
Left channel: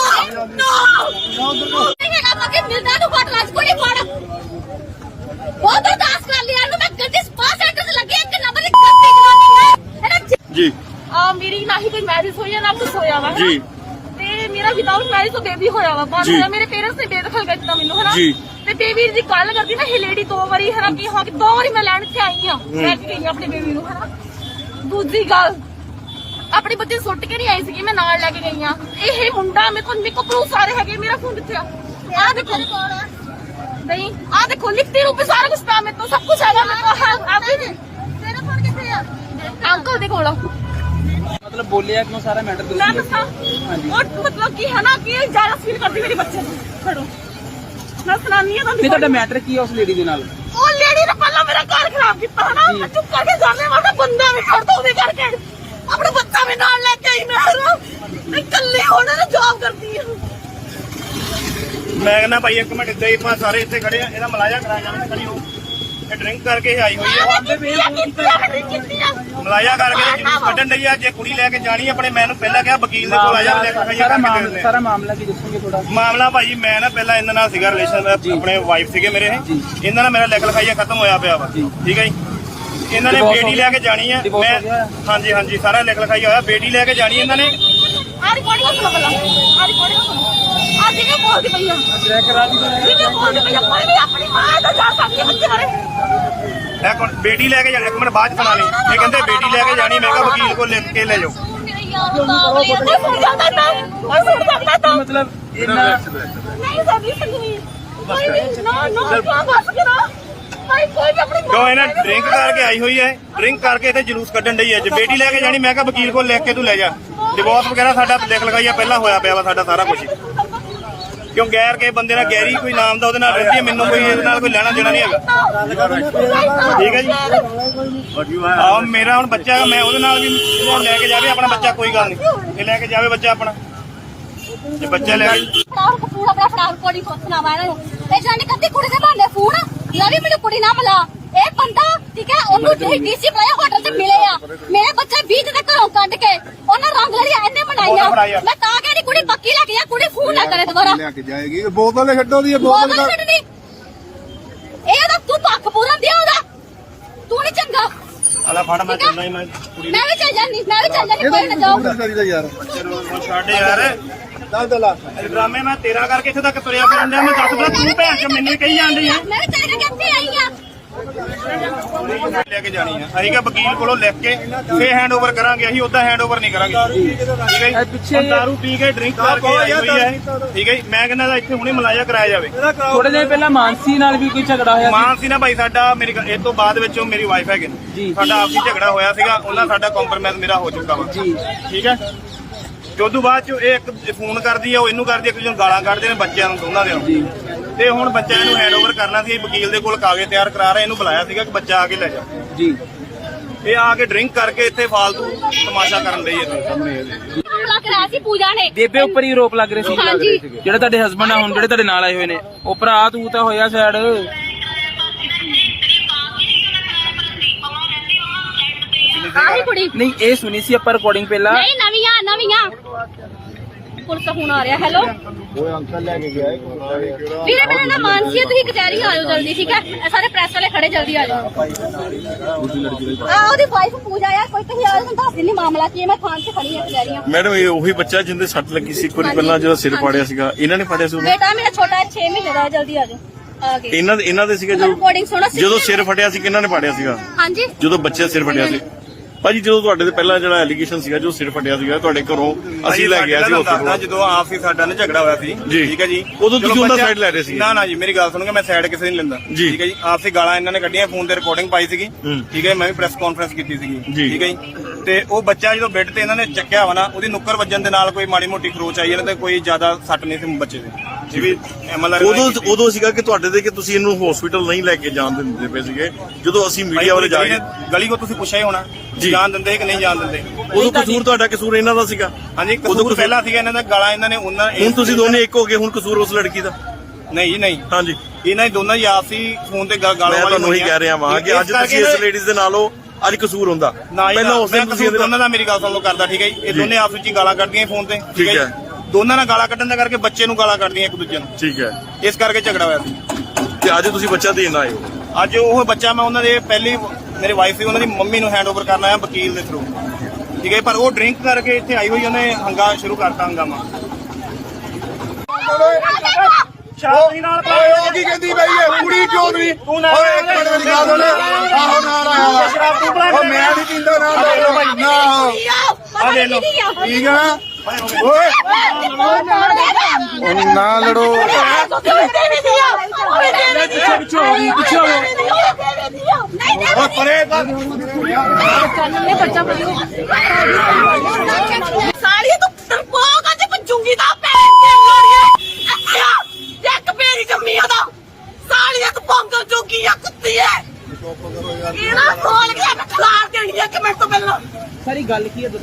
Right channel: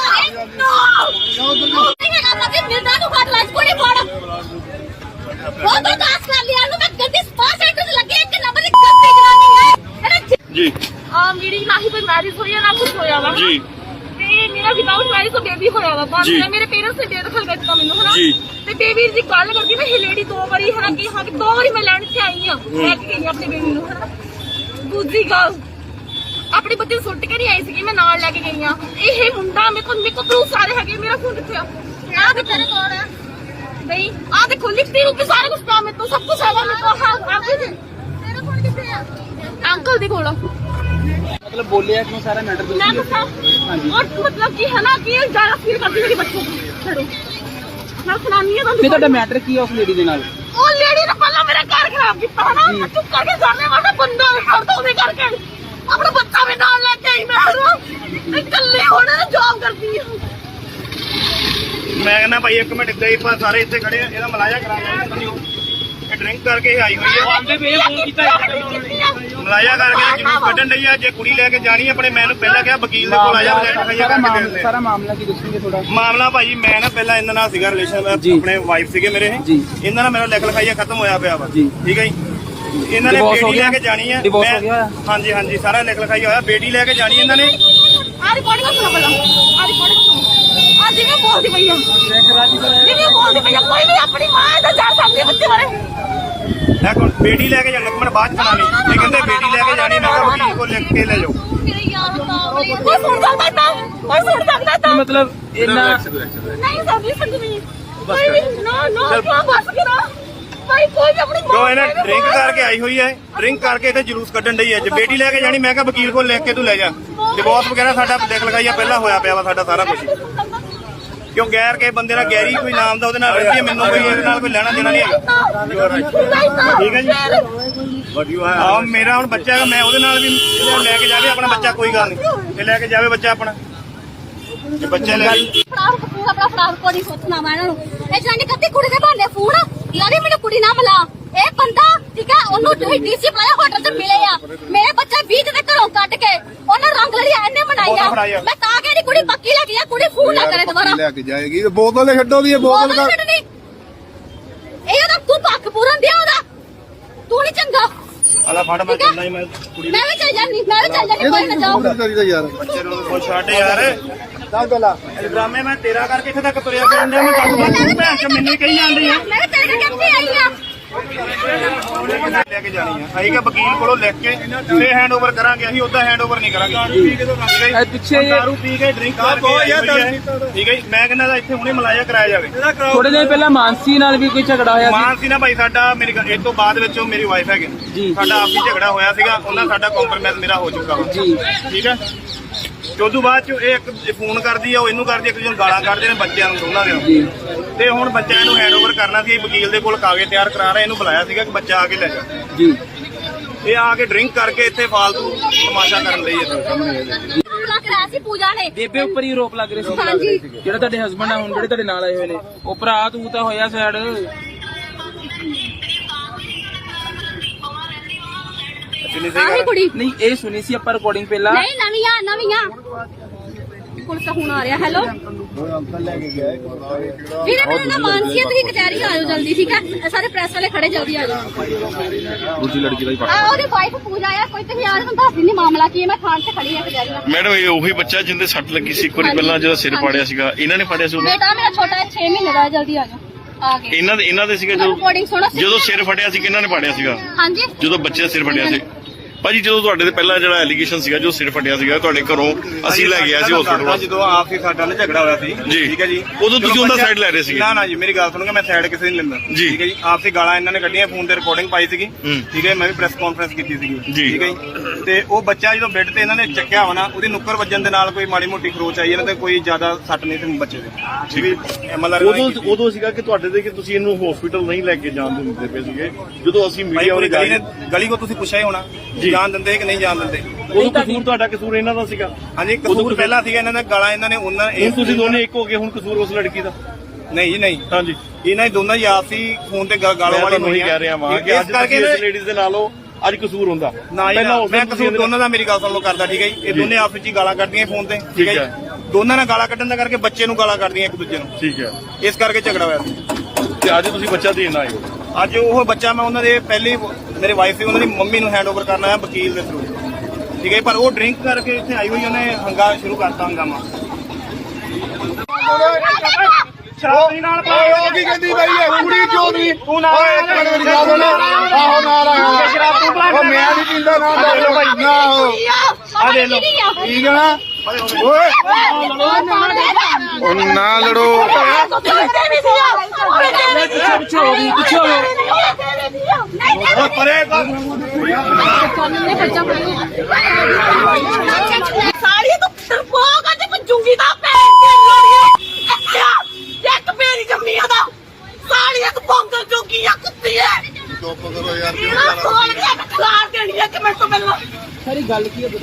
[SPEAKER 3] ਮੁझे मिलना तो बात लाज को नहीं मारा बहुत बर्दाश्त कर लिया मैं गलती स्पास एड्रेस लगे एक नंबर की गलती है ना
[SPEAKER 5] ਜੀ
[SPEAKER 3] मेरी ना ही कोई मैरिज हुई है ना कुछ होया वा
[SPEAKER 5] ਜੀ
[SPEAKER 3] ਤੇ ਮੇਰਾ ਵਿਦਾਊਟ ਮੈਰਿਜ ਤੋਂ ਬੇਬੀ ਹੋਇਆ ਵਾ ਬਾਅਦ
[SPEAKER 5] ਜੀ।
[SPEAKER 3] ਹੋਇਆ ਮੇਰੇ ਪੇਰੈਂਟਸ ਨੇ ਬੇਦਖਲ ਕਰ ਦਿੱਤਾ ਮੈਨੂੰ ਹਨਾ
[SPEAKER 5] ਜੀ।
[SPEAKER 3] ਤੇ ਬੇਬੀ ਦੀ ਗੱਲ ਕਰਦੀ ਨਾ ਇਹ ਲੇਡੀ ਦੋ ਵਾਰੀ ਹਨਾ ਕੀ ਹੋ ਕੇ ਦੋ ਵਾਰੀ ਮੈਂ ਲੈਣ ਤੇ ਆਈ ਆ ਲੈ ਕੇ ਗਈ ਆਪਣੇ ਬੇਬੀ ਨੂੰ ਹਨਾ ਦੂਜੀ ਗੱਲ ਆਪਣੇ ਬੱਚੇ ਨੂੰ ਸੁੱਟ ਕੇ ਨਹੀਂ ਆਈ ਸੀਗੀ ਮੈਂ ਨਾਲ ਲੈ ਕੇ ਗਈ ਆ ਇਹ ਮੁੰਡਾ ਮੇਰੇ ਕੋਲ ਪ੍ਰੂਫ ਸਾਰੇ ਹੈਗੇ ਮੇਰਾ ਫੋਨ ਕਿੱਥੇ ਆ ਆ ਦੇਖੋ ਨਹੀਂ ਆ ਦੇਖੋ ਲਿਖਤੀ ਰੂਪ ਸਾਰਾ ਕੁਝ ਪਿਆ ਮੇਰੇ ਤੋਂ ਸਭ ਕੁਝ ਹੈਗਾ ਮੇਰੇ ਕੋਲ ਹੈ ਐਵਰੀਥਿੰਗ ਤੇਰਾ ਫੋਨ ਕਿੱਥੇ ਆ ਅੰਕਲ ਦੇ ਕੋਲ
[SPEAKER 1] ਮਤਲਬ ਬੋਲਿਆ ਕਿਉਂ ਸਾਰਾ ਮੈਟਰ
[SPEAKER 3] मैं
[SPEAKER 1] ਤੁਸੀਂ?
[SPEAKER 3] बता और मतलब कि है ना कि ज्यादा फील करती मेरे बच्चों को छोड़ो मैं सुनानी है
[SPEAKER 1] ਨਹੀਂ ਤੁਹਾਡਾ ਮੈਟਰ ਕੀ ਹੈ ਉਸ ਲੇਡੀ ਦੇ ਨਾਲ?
[SPEAKER 3] ओ लेडी ने पहला मेरा घर खराब किया है ना मैं चुप करके जाने वाला बंदा मैं छोड़ दो करके अपने बच्चा में नाल लेके आई मैं कल्ले होने ने जॉब करती है
[SPEAKER 2] ਮੈਂ ਕਹਿੰਦਾ ਭਾਈ ਇੱਕ ਮਿੰਟ ਗਏ ਪਾ ਸਾਰੇ ਇੱਥੇ ਖੜੇ ਆ, ਇਹਦਾ ਮਲਾਇਆ ਕਰਾਂਗੇ ਖੜੀ ਹੋ। ਇਹ ਡਰਿੰਕ ਕਰਕੇ ਹੀ ਆਈ ਹੋਈ ਆ, ਮਲਾਇਆ ਕਰਕੇ ਜਲੂਸ ਕੱਢਣ ਲਈ ਆ। ਜੇ ਕੁੜੀ ਲੈ ਕੇ ਜਾਣੀ ਆਪਣੇ ਮੈਨੂੰ ਪਹਿਲਾਂ ਕਿਹਾ ਵਕੀਲ ਦੇ ਕੋਲ ਆ ਜਾ।
[SPEAKER 1] ਸਾਰਾ ਮਾਮਲਾ ਕੀ ਦੱਸੋਗੇ ਥੋੜਾ?
[SPEAKER 2] ਮਾਮਲਾ ਭਾਜੀ ਮੈਂ ਨਾ ਪਹਿਲਾਂ ਇਹਨਾਂ ਨਾਲ ਸੀਗਾ ਰਿਲੇਸ਼ਨ, ਆਪਣੇ ਵਾਈਫ ਸੀਗੇ ਮੇਰੇ ਇਹ।
[SPEAKER 1] ਜੀ।
[SPEAKER 2] ਇਹਨਾਂ ਨਾਲ ਮੇਰਾ ਲਿਖ ਲਿਖਾਈਆ ਖਤਮ ਹੋਇਆ ਪਿਆ ਵਾ,
[SPEAKER 1] ਜੀ।
[SPEAKER 2] ਠੀਕ ਹੈ ਜੀ। ਇਹਨਾਂ ਨੇ
[SPEAKER 1] Divorce
[SPEAKER 2] ਬੇਟੀ
[SPEAKER 1] ਹੋ
[SPEAKER 2] ਲੈ
[SPEAKER 1] ਗਿਆ?
[SPEAKER 2] ਕੇ ਜਾਣੀ ਹੈ
[SPEAKER 1] Divorce
[SPEAKER 2] ਮੈਂ
[SPEAKER 1] ਹੋ ਗਿਆ?
[SPEAKER 2] ਹਾਂਜੀ ਹਾਂਜੀ ਸਾਰਾ ਲਿਖ ਲਿਖਾਈਆ ਹੋਇਆ, ਬੇਟੀ ਲੈ ਕੇ ਜਾਣੀ ਇਹਨਾਂ ਨੇ।
[SPEAKER 3] आ रिकॉर्ड का सुनो पहला आ रिकॉर्ड का सुनो आज जिन्हें बोलती भैया जिन्हें बोलती भैया कोई नहीं अपनी मां दा जा सकते बच्चे बारे
[SPEAKER 2] ਮੈਂ ਕੋਲ ਬੇਟੀ ਲੈ ਕੇ ਜਾਣੀ, ਇੱਕ ਮਿੰਟ ਬਾਅਦ ਚਲਾਣੀ। ਇਹ ਕਹਿੰਦੇ ਬੇਟੀ ਲੈ ਕੇ ਜਾਣੀ, ਮੈਂ ਕਿਹਾ ਵਕੀਲ ਕੋਲ ਲਿਖ ਕੇ ਲੈ ਜਾਓ।
[SPEAKER 3] मेरे यार बावली कोई सुन सकता था कोई सुन सकता था
[SPEAKER 1] ਮਤਲਬ ਇਹਨਾਂ
[SPEAKER 3] नहीं सभी सुननी नहीं नो नो क्या बस करो कोई भी अपनी
[SPEAKER 2] ਕਿਉਂ ਇਹਨਾਂ ਡਰਿੰਕ ਕਰਕੇ ਆਈ ਹੋਈ ਹੈ, ਡਰਿੰਕ ਕਰਕੇ ਇੱਥੇ ਜਲੂਸ ਕੱਢਣ ਡਈ ਹੈ। ਜੇ ਬੇਟੀ ਲੈ ਕੇ ਜਾਣੀ, ਮੈਂ ਕਿਹਾ ਵਕੀਲ ਕੋਲ ਲਿਖ ਕੇ ਤੂੰ ਲੈ ਜਾ। ਡਿਵੋਰਸ ਵਗੈਰਾ ਸਾਡਾ ਲਿਖ ਲਿਖਾਈਆ ਪਹਿਲਾਂ ਹੋਇਆ ਪਿਆ ਵਾ ਸਾਡਾ ਸਾਰਾ ਕੁਝ। ਕਿਉਂ ਗੈਰ ਕੇ ਬੰਦੇ ਨਾਲ ਗੈਰੀ ਕੋਈ ਨਾਮ ਦਾ ਉਹਦੇ ਨਾਲ ਰਹਿੰਦੀ ਹੈ, ਮੈਨੂੰ ਕੋਈ ਇਹਦੇ ਨਾਲ ਕੋਈ ਲੈਣਾ ਦੇਣਾ ਨਹੀਂ ਹੈਗਾ, ਠੀਕ ਹੈ ਜੀ। ਆਹ ਮੇਰਾ ਹੁਣ ਬੱਚਾ ਹੈਗਾ, ਮੈਂ ਉਹਦੇ ਨਾਲ ਵੀ ਲੈ ਕੇ ਜਾਵੇ ਆਪਣਾ ਬੱਚਾ, ਕੋਈ ਗੱਲ ਨਹੀਂ, ਇਹ ਲੈ ਕੇ ਜਾਵੇ ਬੱਚਾ ਆਪਣਾ। ਜੇ ਬੱਚਾ ਲੈ
[SPEAKER 3] ਫਰਾਰ ਪੂਰਾ ਆਪਣਾ ਫਰਾਰ ਕੋਡੀ ਸੋਚਣਾ ਵਾ ਇਹਨਾਂ ਨੂੰ ਇਹ ਜਾਨੀ ਕੱਤੀ ਕੁੜੀ ਦੇ ਭਾਂਡੇ ਫੂਡ ਯਾਰ ਵੀ ਮੈਨੂੰ ਕੁੜੀ ਨਾ ਮਿਲਾ ਇਹ ਬੰਦਾ ਠੀਕ ਹੈ ਉਹਨੂੰ ਡੀਸੀ ਬੁਲਾਇਆ ਹੋਟਲ ਤੇ ਮਿਲੇ ਆ ਮੇਰੇ ਬੱਚਾ 20 ਦੇ ਘਰੋਂ ਕੱਢ ਕੇ ਉਹਨਾਂ ਰੰਗ ਲੜੀਆਂ ਇਹਨੇ ਬਣਾਈਆਂ ਮੈਂ ਤਾਂ ਕਹਿੰਦੀ ਕੁੜੀ ਪੱਕੀ ਲੈ ਕੇ ਜਾ ਕੁੜੀ ਫੂਡ ਨਾ ਕਰੇ ਦੁਬਾਰਾ
[SPEAKER 4] ਲੈ ਕੇ ਜਾਏਗੀ ਬੋਤਲ ਛੱਡੋ ਦੀ
[SPEAKER 3] ਬੋਤਲ
[SPEAKER 4] ਬੋਤਲ
[SPEAKER 3] ਛੱਡਣੀ ਇਹ ਤਾਂ ਤੂੰ ਪੱਖ ਪੂਰਨ ਦਿਆ ਉਹਦਾ ਤੂੰ ਨਹੀਂ ਚੰਗਾ
[SPEAKER 2] ਅਲਾ ਫੜ ਮੈਂ ਚੱਲਣਾ ਹੀ, ਮੈਂ ਕੁੜੀ
[SPEAKER 3] ਮੈਂ ਵੀ ਚੱਲ ਜਾਨੀ ਕੋਈ ਨਾ ਜਾਓ
[SPEAKER 4] ਕਰੀਦਾ ਯਾਰ
[SPEAKER 2] ਬੱਚੇ ਨੂੰ ਛੱਡ ਯਾਰ।
[SPEAKER 4] ਚੱਲ ਦਲਾ
[SPEAKER 2] ਡਰਾਮੇ ਮੈਂ ਤੇਰਾ ਕਰਕੇ ਇੱਥੇ ਤੱਕ ਤੁਰਿਆ ਫਿਰਨ ਡਿਆ, ਮੈਂ ਦੱਸ ਤੂੰ ਭੈਣ ਚ ਮੈਨੂੰ ਹੀ ਕਹੀ ਜਾਂਦੀ ਆ।
[SPEAKER 3] ਮੈਂ ਤੇਰੇ ਕਿੱਥੇ ਆਈ ਆ
[SPEAKER 2] ਲੈ ਕੇ ਜਾਣੀ ਆ, ਅਸੀਂ ਕਿ ਵਕੀਲ ਕੋਲੋਂ ਲਿਖ ਕੇ ਫੇਰ ਹੈਂਡਓਵਰ ਕਰਾਂਗੇ, ਅਸੀਂ ਉਦਾਂ ਹੈਂਡਓਵਰ ਨਹੀਂ ਕਰਾਂਗੇ।
[SPEAKER 1] ਪਿੱਛੇ
[SPEAKER 2] ਦਾਰੂ ਪੀ ਕੇ ਡਰਿੰਕ ਕਰਕੇ ਆਈ ਹੋਈ ਹੈ, ਠੀਕ ਹੈ ਜੀ। ਮੈਂ ਕਹਿੰਦਾ ਇੱਥੇ ਹੁਣੇ ਮਲਾਇਆ ਕਰਾਇਆ ਜਾਵੇ।
[SPEAKER 1] ਥੋੜੇ ਦਿਨ ਪਹਿਲਾਂ ਮਾਨਸੀ ਨਾਲ ਵੀ ਕੋਈ ਝਗੜਾ ਹੋਇਆ
[SPEAKER 2] ਮਾਨ ਸੀ ਨਾ ਭਾਈ ਸਾਡਾ, ਮੇਰੀ ਇਹ ਤੋਂ ਬਾਅਦ ਵਿੱਚ ਉਹ ਮੇਰੀ ਵਾਈਫ ਹੈਗੇ
[SPEAKER 1] ਜੀ।
[SPEAKER 2] ਸਾਡਾ ਆਪਸੀ ਝਗੜਾ ਹੋਇਆ ਸੀਗਾ, ਉਹਨਾਂ ਸਾਡਾ ਕੰਪਰਮਾਈਜ਼ ਮੇਰਾ ਹੋ ਚੁੱਕਾ ਵਾ,
[SPEAKER 1] ਜੀ।
[SPEAKER 2] ਠੀਕ ਹੈ। ਤੇ ਉਦੋਂ ਬਾਅਦ ਚ ਇਹ ਇੱਕ ਫੋਨ ਕਰਦੀ ਆ, ਉਹ ਇਹਨੂੰ ਕਰਦੀ, ਇੱਕ ਦੂਜੇ ਨੂੰ ਗਾਲਾਂ ਕੱਢਦੇ ਨੇ ਬੱਚਿਆਂ ਨੂੰ, ਦੋਨਾਂ ਦੇ
[SPEAKER 1] ਜੀ।
[SPEAKER 2] ਤੇ ਹੁਣ ਬੱਚਿਆਂ ਨੂੰ ਹੈਂਡਓਵਰ ਕਰਨਾ ਸੀ, ਵਕੀਲ ਦੇ ਕੋਲ ਕਾਗਜ਼ ਤਿਆਰ ਕਰਾ ਰਹੇ, ਇਹਨੂੰ ਬੁਲਾਇਆ ਸੀਗਾ ਕਿ ਬੱਚਾ ਆ ਕੇ ਲੈ ਜਾ।
[SPEAKER 1] ਜੀ।
[SPEAKER 2] ਇਹ ਆ ਕੇ ਡਰਿੰਕ ਕਰਕੇ ਇੱਥੇ ਫਾਲਤੂ ਤਮਾਸ਼ਾ ਕਰਨ ਲਈ
[SPEAKER 3] ਬੁਲਾ ਕੇ ਆਇਆ ਸੀ ਪੂਜਾ ਨੇ
[SPEAKER 1] ਬੇਬੇ ਉੱਪਰ ਹੀ ਰੋਪ ਲੱਗ ਰਹੀ ਸੀ
[SPEAKER 3] ਹਾਂਜੀ
[SPEAKER 1] ਜਿਹੜੇ ਤੁਹਾਡੇ ਹਸਬੰਡ ਆ ਹੁਣ ਜਿਹੜੇ ਤੁਹਾਡੇ ਨਾਲ ਆਏ ਹੋਏ ਨੇ ਉਹ ਭਰਾ ਤੂੰ ਤਾਂ ਹੋਇਆ ਸਾਡ
[SPEAKER 3] ਆਹੀ ਕੁੜੀ
[SPEAKER 1] ਨਹੀਂ ਇਹ ਸੁਣੀ ਸੀ ਆਪਾਂ ਰਿਕਾਰਡਿੰਗ ਪਹਿਲਾਂ
[SPEAKER 3] ਨਹੀਂ ਨਵੀਆਂ
[SPEAKER 6] ਪੁਲਿਸ ਦਾ ਫੋਨ ਆ ਰਿਹਾ। ਹੈਲੋ ਵੀਰੇ ਮੇਰਾ ਨਾਮ ਮਾਨਸੀ ਹੈ, ਤੁਸੀਂ ਕਚਹਿਰੀ ਆਇਓ ਜਲਦੀ, ਠੀਕ ਹੈ? ਸਾਰੇ ਪ੍ਰੈਸ ਵਾਲੇ ਖੜੇ, ਜਲਦੀ ਆ ਜਾਓ।
[SPEAKER 1] ਦੂਜੀ ਲੜਕੀ ਦਾ ਹੀ
[SPEAKER 6] ਉਹਦੀ ਵਾਈਫ ਪੂਜਾ ਆ, ਕੋਈ ਤੁਸੀਂ ਆ ਜਾਓ, ਦੱਸ ਦਿੰਦੀ ਮਾਮਲਾ ਕੀ ਹੈ। ਮੈਂ ਥਾਣੇ 'ਚ ਖੜੀ ਹਾਂ ਕਚਹਿਰੀਆਂ।
[SPEAKER 5] ਮੈਡਮ ਇਹ ਉਹੀ ਬੱਚਾ ਜਿੰਦੇ ਸੱਟ ਲੱਗੀ ਸੀ ਇੱਕ ਵਾਰੀ ਪਹਿਲਾਂ ਜਦੋਂ ਸਿਰ ਪਾੜਿਆ ਸੀਗਾ, ਇਹਨਾਂ ਨੇ ਪਾੜਿਆ ਸੀ ਉਹਨੂੰ?
[SPEAKER 6] ਬੇਟਾ ਮੇਰਾ ਛੋਟਾ 6 ਮਹੀਨੇ ਦਾ ਹੈ, ਜਲਦੀ ਆ ਜਾਓ। ਆ ਗਏ
[SPEAKER 5] ਇਹਨਾਂ ਦੇ ਸੀਗਾ
[SPEAKER 6] ਰਿਕਾਰਡਿੰਗ ਸੁਣੋ।
[SPEAKER 5] ਜਦੋਂ ਸਿਰ ਫਟਿਆ ਸੀ ਕਿਹਨਾਂ ਨੇ ਪਾੜਿਆ ਸੀਗਾ?
[SPEAKER 6] ਹਾਂਜੀ
[SPEAKER 5] ਜਦੋਂ ਬੱਚੇ ਦਾ ਸਿਰ ਫਟਿਆ ਸੀ ਭਾਜੀ, ਜਦੋਂ ਤੁਹਾਡੇ ਤੇ ਪਹਿਲਾਂ ਜਿਹੜਾ ਐਲੀਗੇਸ਼ਨ ਸੀਗਾ ਜੋ ਸਿਰ ਫਟਿਆ ਸੀਗਾ ਤੁਹਾਡੇ ਘਰੋਂ ਅਸੀਂ ਲੈ ਗਿਆ ਸੀ ਹਸਪੀਟਲ,
[SPEAKER 2] ਜਦੋਂ ਆਪਸੀ ਸਾਡਾ ਨਾ ਝਗੜਾ ਹੋਇਆ ਸੀ,
[SPEAKER 5] ਜੀ।
[SPEAKER 2] ਠੀਕ ਹੈ ਜੀ,
[SPEAKER 5] ਉਦੋਂ ਤੁਸੀਂ ਉਹਦਾ ਸਾਈਡ ਲੈ ਰਹੇ ਸੀਗੇ?
[SPEAKER 2] ਨਾ ਜੀ, ਮੇਰੀ ਗੱਲ ਸੁਣੋਗੇ, ਮੈਂ ਸਾਈਡ ਕਿਸੇ ਨਹੀਂ ਲੈਂਦਾ,
[SPEAKER 5] ਜੀ।
[SPEAKER 2] ਠੀਕ ਹੈ ਜੀ। ਆਪਸੀ ਗਾਲਾਂ ਇਹਨਾਂ ਨੇ ਕੱਢੀਆਂ, ਫੋਨ ਤੇ ਰਿਕਾਰਡਿੰਗ ਪਾਈ ਸੀਗੀ, ਠੀਕ ਹੈ। ਮੈਂ ਵੀ ਪ੍ਰੈਸ ਕਾਨਫਰੰਸ ਕੀਤੀ ਸੀਗੀ,
[SPEAKER 5] ਜੀ।
[SPEAKER 2] ਠੀਕ ਹੈ ਜੀ। ਤੇ ਉਹ ਬੱਚਾ ਜਦੋਂ ਬੈੱਡ ਤੇ ਇਹਨਾਂ ਨੇ ਚੱਕਿਆ ਵਾ ਨਾ, ਉਹਦੀ ਨੁੱਕਰ ਵੱਜਣ ਦੇ ਨਾਲ ਕੋਈ ਮਾੜੀ ਮੋਟੀ ਖਰੋਚ ਆਈ, ਇਹਨਾਂ ਤੇ ਕੋਈ ਜ਼ਿਆਦਾ ਸੱਟ ਨਹੀਂ ਸੀ ਬੱਚੇ ਦੇ, ਠੀਕ ਹੈ। ਐਮਐਲਆਰ
[SPEAKER 5] ਉਦੋਂ ਸੀਗਾ ਕਿ ਤੁਹਾਡੇ ਦੇ ਕਿ ਤੁਸੀਂ ਇਹਨੂੰ ਹਸਪੀਟਲ ਨਹੀਂ ਲੈ ਕੇ ਜਾਣ ਦਿੰਦੇ ਪਏ ਸੀਗੇ, ਜਦੋਂ ਅਸੀਂ ਮੀਡੀਆ ਵਾਲੇ
[SPEAKER 2] ਗਲੀ ਕੋ ਤੁਸੀਂ ਪੁੱਛਿਆ ਹੀ ਹੋਣਾ, ਜਾਣ ਦਿੰਦੇ ਕਿ ਨਹੀਂ ਜਾਣ ਦਿੰਦੇ?
[SPEAKER 5] ਉਦੋਂ ਕਸੂਰ ਤੁਹਾਡਾ ਕਸੂਰ ਇਹਨਾਂ ਦਾ ਸੀਗਾ?
[SPEAKER 2] ਹਾਂਜੀ, ਕਸੂਰ ਪਹਿਲਾਂ ਸੀਗਾ ਇਹਨਾਂ ਦਾ, ਗਾਲਾਂ ਇਹਨਾਂ ਨੇ ਉਹਨਾਂ
[SPEAKER 5] ਹੁਣ ਤੁਸੀਂ ਦੋਨੇ ਇੱਕ ਹੋ ਗਏ, ਹੁਣ ਕਸੂਰ ਉਸ ਲੜਕੀ ਦਾ?
[SPEAKER 2] ਨਹੀਂ ਜੀ ਨਹੀਂ,
[SPEAKER 5] ਹਾਂਜੀ,
[SPEAKER 2] ਇਹਨਾਂ ਦੀ ਦੋਨਾਂ ਹੀ ਆਪਸੀ ਫੋਨ ਤੇ ਗਾਲੋਂ ਵਾਲੀ
[SPEAKER 5] ਹੋਈ ਕਹਿ ਰਿਹਾ ਵਾਂ ਕਿ ਅੱਜ ਤੁਸੀਂ ਇਸ ਲੇਡੀਜ਼ ਦੇ ਨਾਲ ਹੋ, ਅੱਜ ਕਸੂਰ ਹੁੰਦਾ
[SPEAKER 2] ਨਾ ਜੀ ਨਾ, ਮੈਂ ਕਸੂਰ ਦੋਨਾਂ ਦਾ, ਮੇਰੀ ਗੱਲ ਸੁਣ ਲਓ, ਕਰਦਾ, ਠੀਕ ਹੈ ਜੀ। ਇਹ ਦੋਨੇ ਆਪਸ ਵਿੱਚ ਹੀ ਗਾਲਾਂ ਕੱਢਦੀਆਂ ਫੋਨ ਤੇ, ਠੀਕ ਹੈ ਜੀ। ਦੋਨਾਂ ਨਾਲ ਗਾਲਾਂ ਕੱਢਣ ਦਾ ਕਰਕੇ ਬੱਚੇ ਨੂੰ ਗਾਲਾਂ ਕੱਢਦੀਆਂ ਇੱਕ ਦੂਜੇ ਨੂੰ,
[SPEAKER 5] ਠੀਕ ਹੈ।
[SPEAKER 2] ਇਸ ਕਰਕੇ ਝਗੜਾ ਹੋਇਆ ਸੀ।
[SPEAKER 5] ਤੇ ਅੱਜ ਤੁਸੀਂ ਬੱਚਾ ਦੇਣ ਆਏ ਹੋ?
[SPEAKER 2] ਅੱਜ ਉਹ ਬੱਚਾ ਮੈਂ ਉਹਨਾਂ ਦੇ ਪਹਿਲੀ ਮੇਰੇ ਵਾਈਫ ਸੀ, ਉਹਨਾਂ ਦੀ ਮੰਮੀ ਨੂੰ ਹੈਂਡਓਵਰ ਕਰਨ ਆਇਆ ਵਕੀਲ ਦੇ ਥਰੂ, ਠੀਕ ਹੈ। ਪਰ ਉਹ ਡਰਿੰਕ ਕਰਕੇ ਇੱਥੇ ਆਈ ਹੋਈ, ਉਹਨੇ ਸ਼ੁਰੂ ਕਰਤਾ ਹੰਗਾਮਾ।
[SPEAKER 4] ਓਏ ਉਹ ਕੀ ਕਹਿੰਦੀ ਬਈ ਇਹ ਕੁੜੀ ਚੋਦਵੀਂ? ਓਏ ਇੱਕ ਮਿੰਟ ਮੇਰੀ ਗੱਲ ਸੁਣ, ਆਹੋ ਨਾਲ ਆਇਆ ਵਾ। ਉਹ ਮੈਂ ਨਹੀਂ ਪੀਂਦਾ ਨਾ ਡਾਲੋ ਨਾ, ਆ ਦੇ ਲੋ, ਠੀਕ ਹੈ ਨਾ? ਓਏ ਉਹ ਨਾ ਲੜੋ। ਓਏ ਪਰੇ
[SPEAKER 3] ਸਾੜੀ ਤੂੰ ਡਰਪੋਕ ਅੱਜ ਪੰਜੂਗੀ ਦਾ ਪੈਰ ਤੇ ਲੋੜੀਏ ਇੱਕ ਮੇਰੀ ਜੰਮੀਆਂ ਦਾ ਸਾੜੀ ਇੱਕ ਪੰਗਲ ਜੋਗੀ ਆ ਕੁੱਤੀ ਐ ਇਹਨਾਂ ਕੋਲ ਗਿਆ ਮੈਂ ਖਲਾਰ ਦੇਣੀ ਇੱਕ ਮਿੰਟ ਤੋਂ ਪਹਿਲਾਂ
[SPEAKER 1] ਸਾਰੀ ਗੱਲ ਕੀ ਹੈ?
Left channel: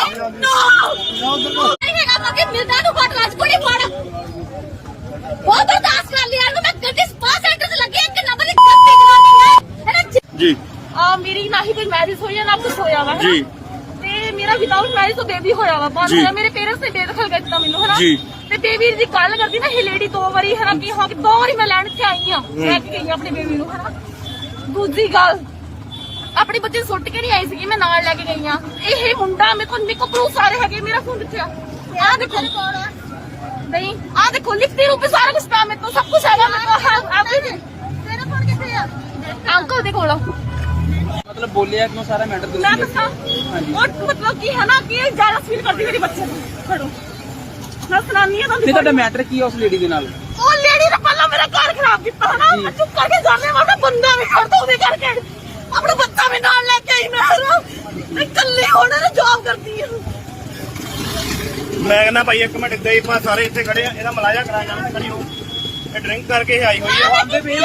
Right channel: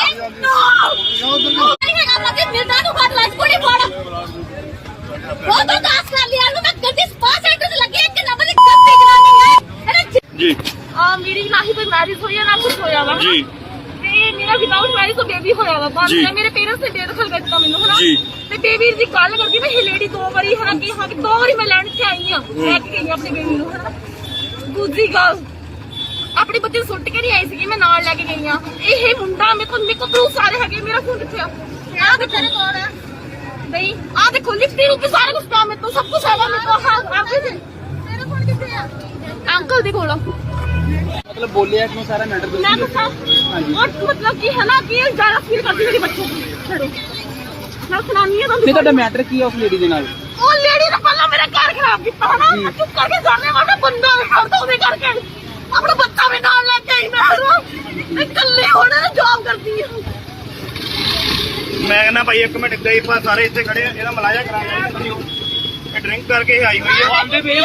[SPEAKER 6] ਕਿ ਮੇਰਾ ਨੂੰ ਬਾਤ ਲਾਜ ਕੋਣੀ ਫੜ ਉਹ ਤਾਂ ਦਾਸ ਕਰ ਲਿਆ ਨੂੰ ਮੈਂ ਗੱਡੀ ਸਪਾ ਸੈਂਟਰ ਤੇ ਲੱਗੀ ਇੱਕ ਨੰਬਰ ਦੀ ਗੱਡੀ ਚਲਾਉਂਦੀ ਹੈ
[SPEAKER 5] ਜੀ।
[SPEAKER 3] ਮੇਰੀ ਨਾ ਹੀ ਕੋਈ ਮੈਰਿਜ ਹੋਈ ਹੈ ਨਾ ਕੁਝ ਹੋਇਆ ਵਾ
[SPEAKER 5] ਜੀ।
[SPEAKER 3] ਤੇ ਮੇਰਾ ਵਿਦਾਊਟ ਮੈਰਿਜ ਤੋਂ ਬੇਬੀ ਹੋਇਆ ਵਾ, ਬਾਅਦ
[SPEAKER 5] ਜੀ।
[SPEAKER 3] ਮੇਰੇ ਪੇਰੈਂਟਸ ਨੇ ਬੇਦਖਲ ਕਰ ਦਿੱਤਾ ਮੈਨੂੰ, ਹਨਾ।
[SPEAKER 5] ਜੀ।
[SPEAKER 3] ਤੇ ਬੇਬੀ ਦੀ ਗੱਲ ਕਰਦੀ ਨਾ, ਇਹ ਲੇਡੀ 2 ਵਾਰੀ ਹਨਾ ਕੀ ਹੋ ਕੇ 2 ਵਾਰੀ ਮੈਂ ਲੈਣ ਤੇ ਆਈ ਆ, ਲੈ ਕੇ ਗਈ ਆਪਣੇ ਬੇਬੀ ਨੂੰ, ਹਨਾ। ਦੂਜੀ ਗੱਲ, ਆਪਣੇ ਬੱਚੇ ਨੂੰ ਸੁੱਟ ਕੇ ਨਹੀਂ ਆਈ ਸੀਗੀ, ਮੈਂ ਨਾਲ ਲੈ ਕੇ ਗਈ ਆ। ਇਹ ਮੁੰਡਾ ਮੇਰੇ ਕੋਲ ਪ੍ਰੂਫ ਸਾਰੇ ਹੈਗੇ, ਮੇਰਾ ਫੋਨ ਕਿੱਥੇ ਆ? ਆਹ ਦੇਖੋ, ਨਹੀਂ ਆਹ ਦੇਖੋ, ਲਿਖਤੀ ਰੂਪ ਵਿੱਚ ਸਾਰਾ ਕੁਝ ਪਿਆ ਮੇਰੇ ਕੋਲ, ਸਭ ਕੁਝ ਹੈਗਾ ਮੇਰੇ ਕੋਲ, ਐਵਰੀਥਿੰਗ। ਤੇਰਾ ਫੋਨ ਕਿੱਥੇ ਆ? ਅੰਕਲ ਦੇ ਕੋਲ।
[SPEAKER 1] ਮਤਲਬ ਬੋਲਿਆ ਤੁਹਾਨੂੰ ਸਾਰਾ ਮੈਟਰ
[SPEAKER 3] ਮੈਂ ਦੱਸਾਂ, और मतलब कि है ना कि ज्यादा फील करती मेरे बच्चों को, छोड़ो मैं सुनानी है
[SPEAKER 1] ਨਹੀਂ ਤੁਹਾਡਾ ਮੈਟਰ ਕੀ ਹੈ ਉਸ ਲੇਡੀ ਦੇ ਨਾਲ?
[SPEAKER 3] ਉਹ ਲੇਡੀ ਨੇ ਪਹਿਲਾਂ ਮੇਰਾ ਘਰ ਖਰਾਬ ਕੀਤਾ ਨਾ, ਮੈਂ ਚੁੱਪ ਕਰਕੇ ਜਾਣੇ ਵਾਲਾ ਬੰਦਾ ਵੀ ਛੱਡ ਦੋ ਉਹਦੇ ਕਰਕੇ, ਆਪਣਾ ਬੱਚਾ ਵੀ ਨਾਲ ਲੈ ਕੇ ਆਈ ਮੈਂ ਇਕੱਲੇ ਹੋਣੇ ਨੇ ਜੌਬ ਕਰਦੀ ਹੈ।
[SPEAKER 2] ਮੈਂ ਕਹਿੰਦਾ ਭਾਈ ਇੱਕ ਮਿੰਟ ਗਏ ਪਾ ਸਾਰੇ ਇੱਥੇ ਖੜੇ ਆ, ਇਹਦਾ ਮਲਾਜਾ ਕਰਾਇਆ ਖੜੀ ਹੋ। ਇਹ ਡਰਿੰਕ ਕਰਕੇ ਆਈ ਹੋਈ ਹੈ,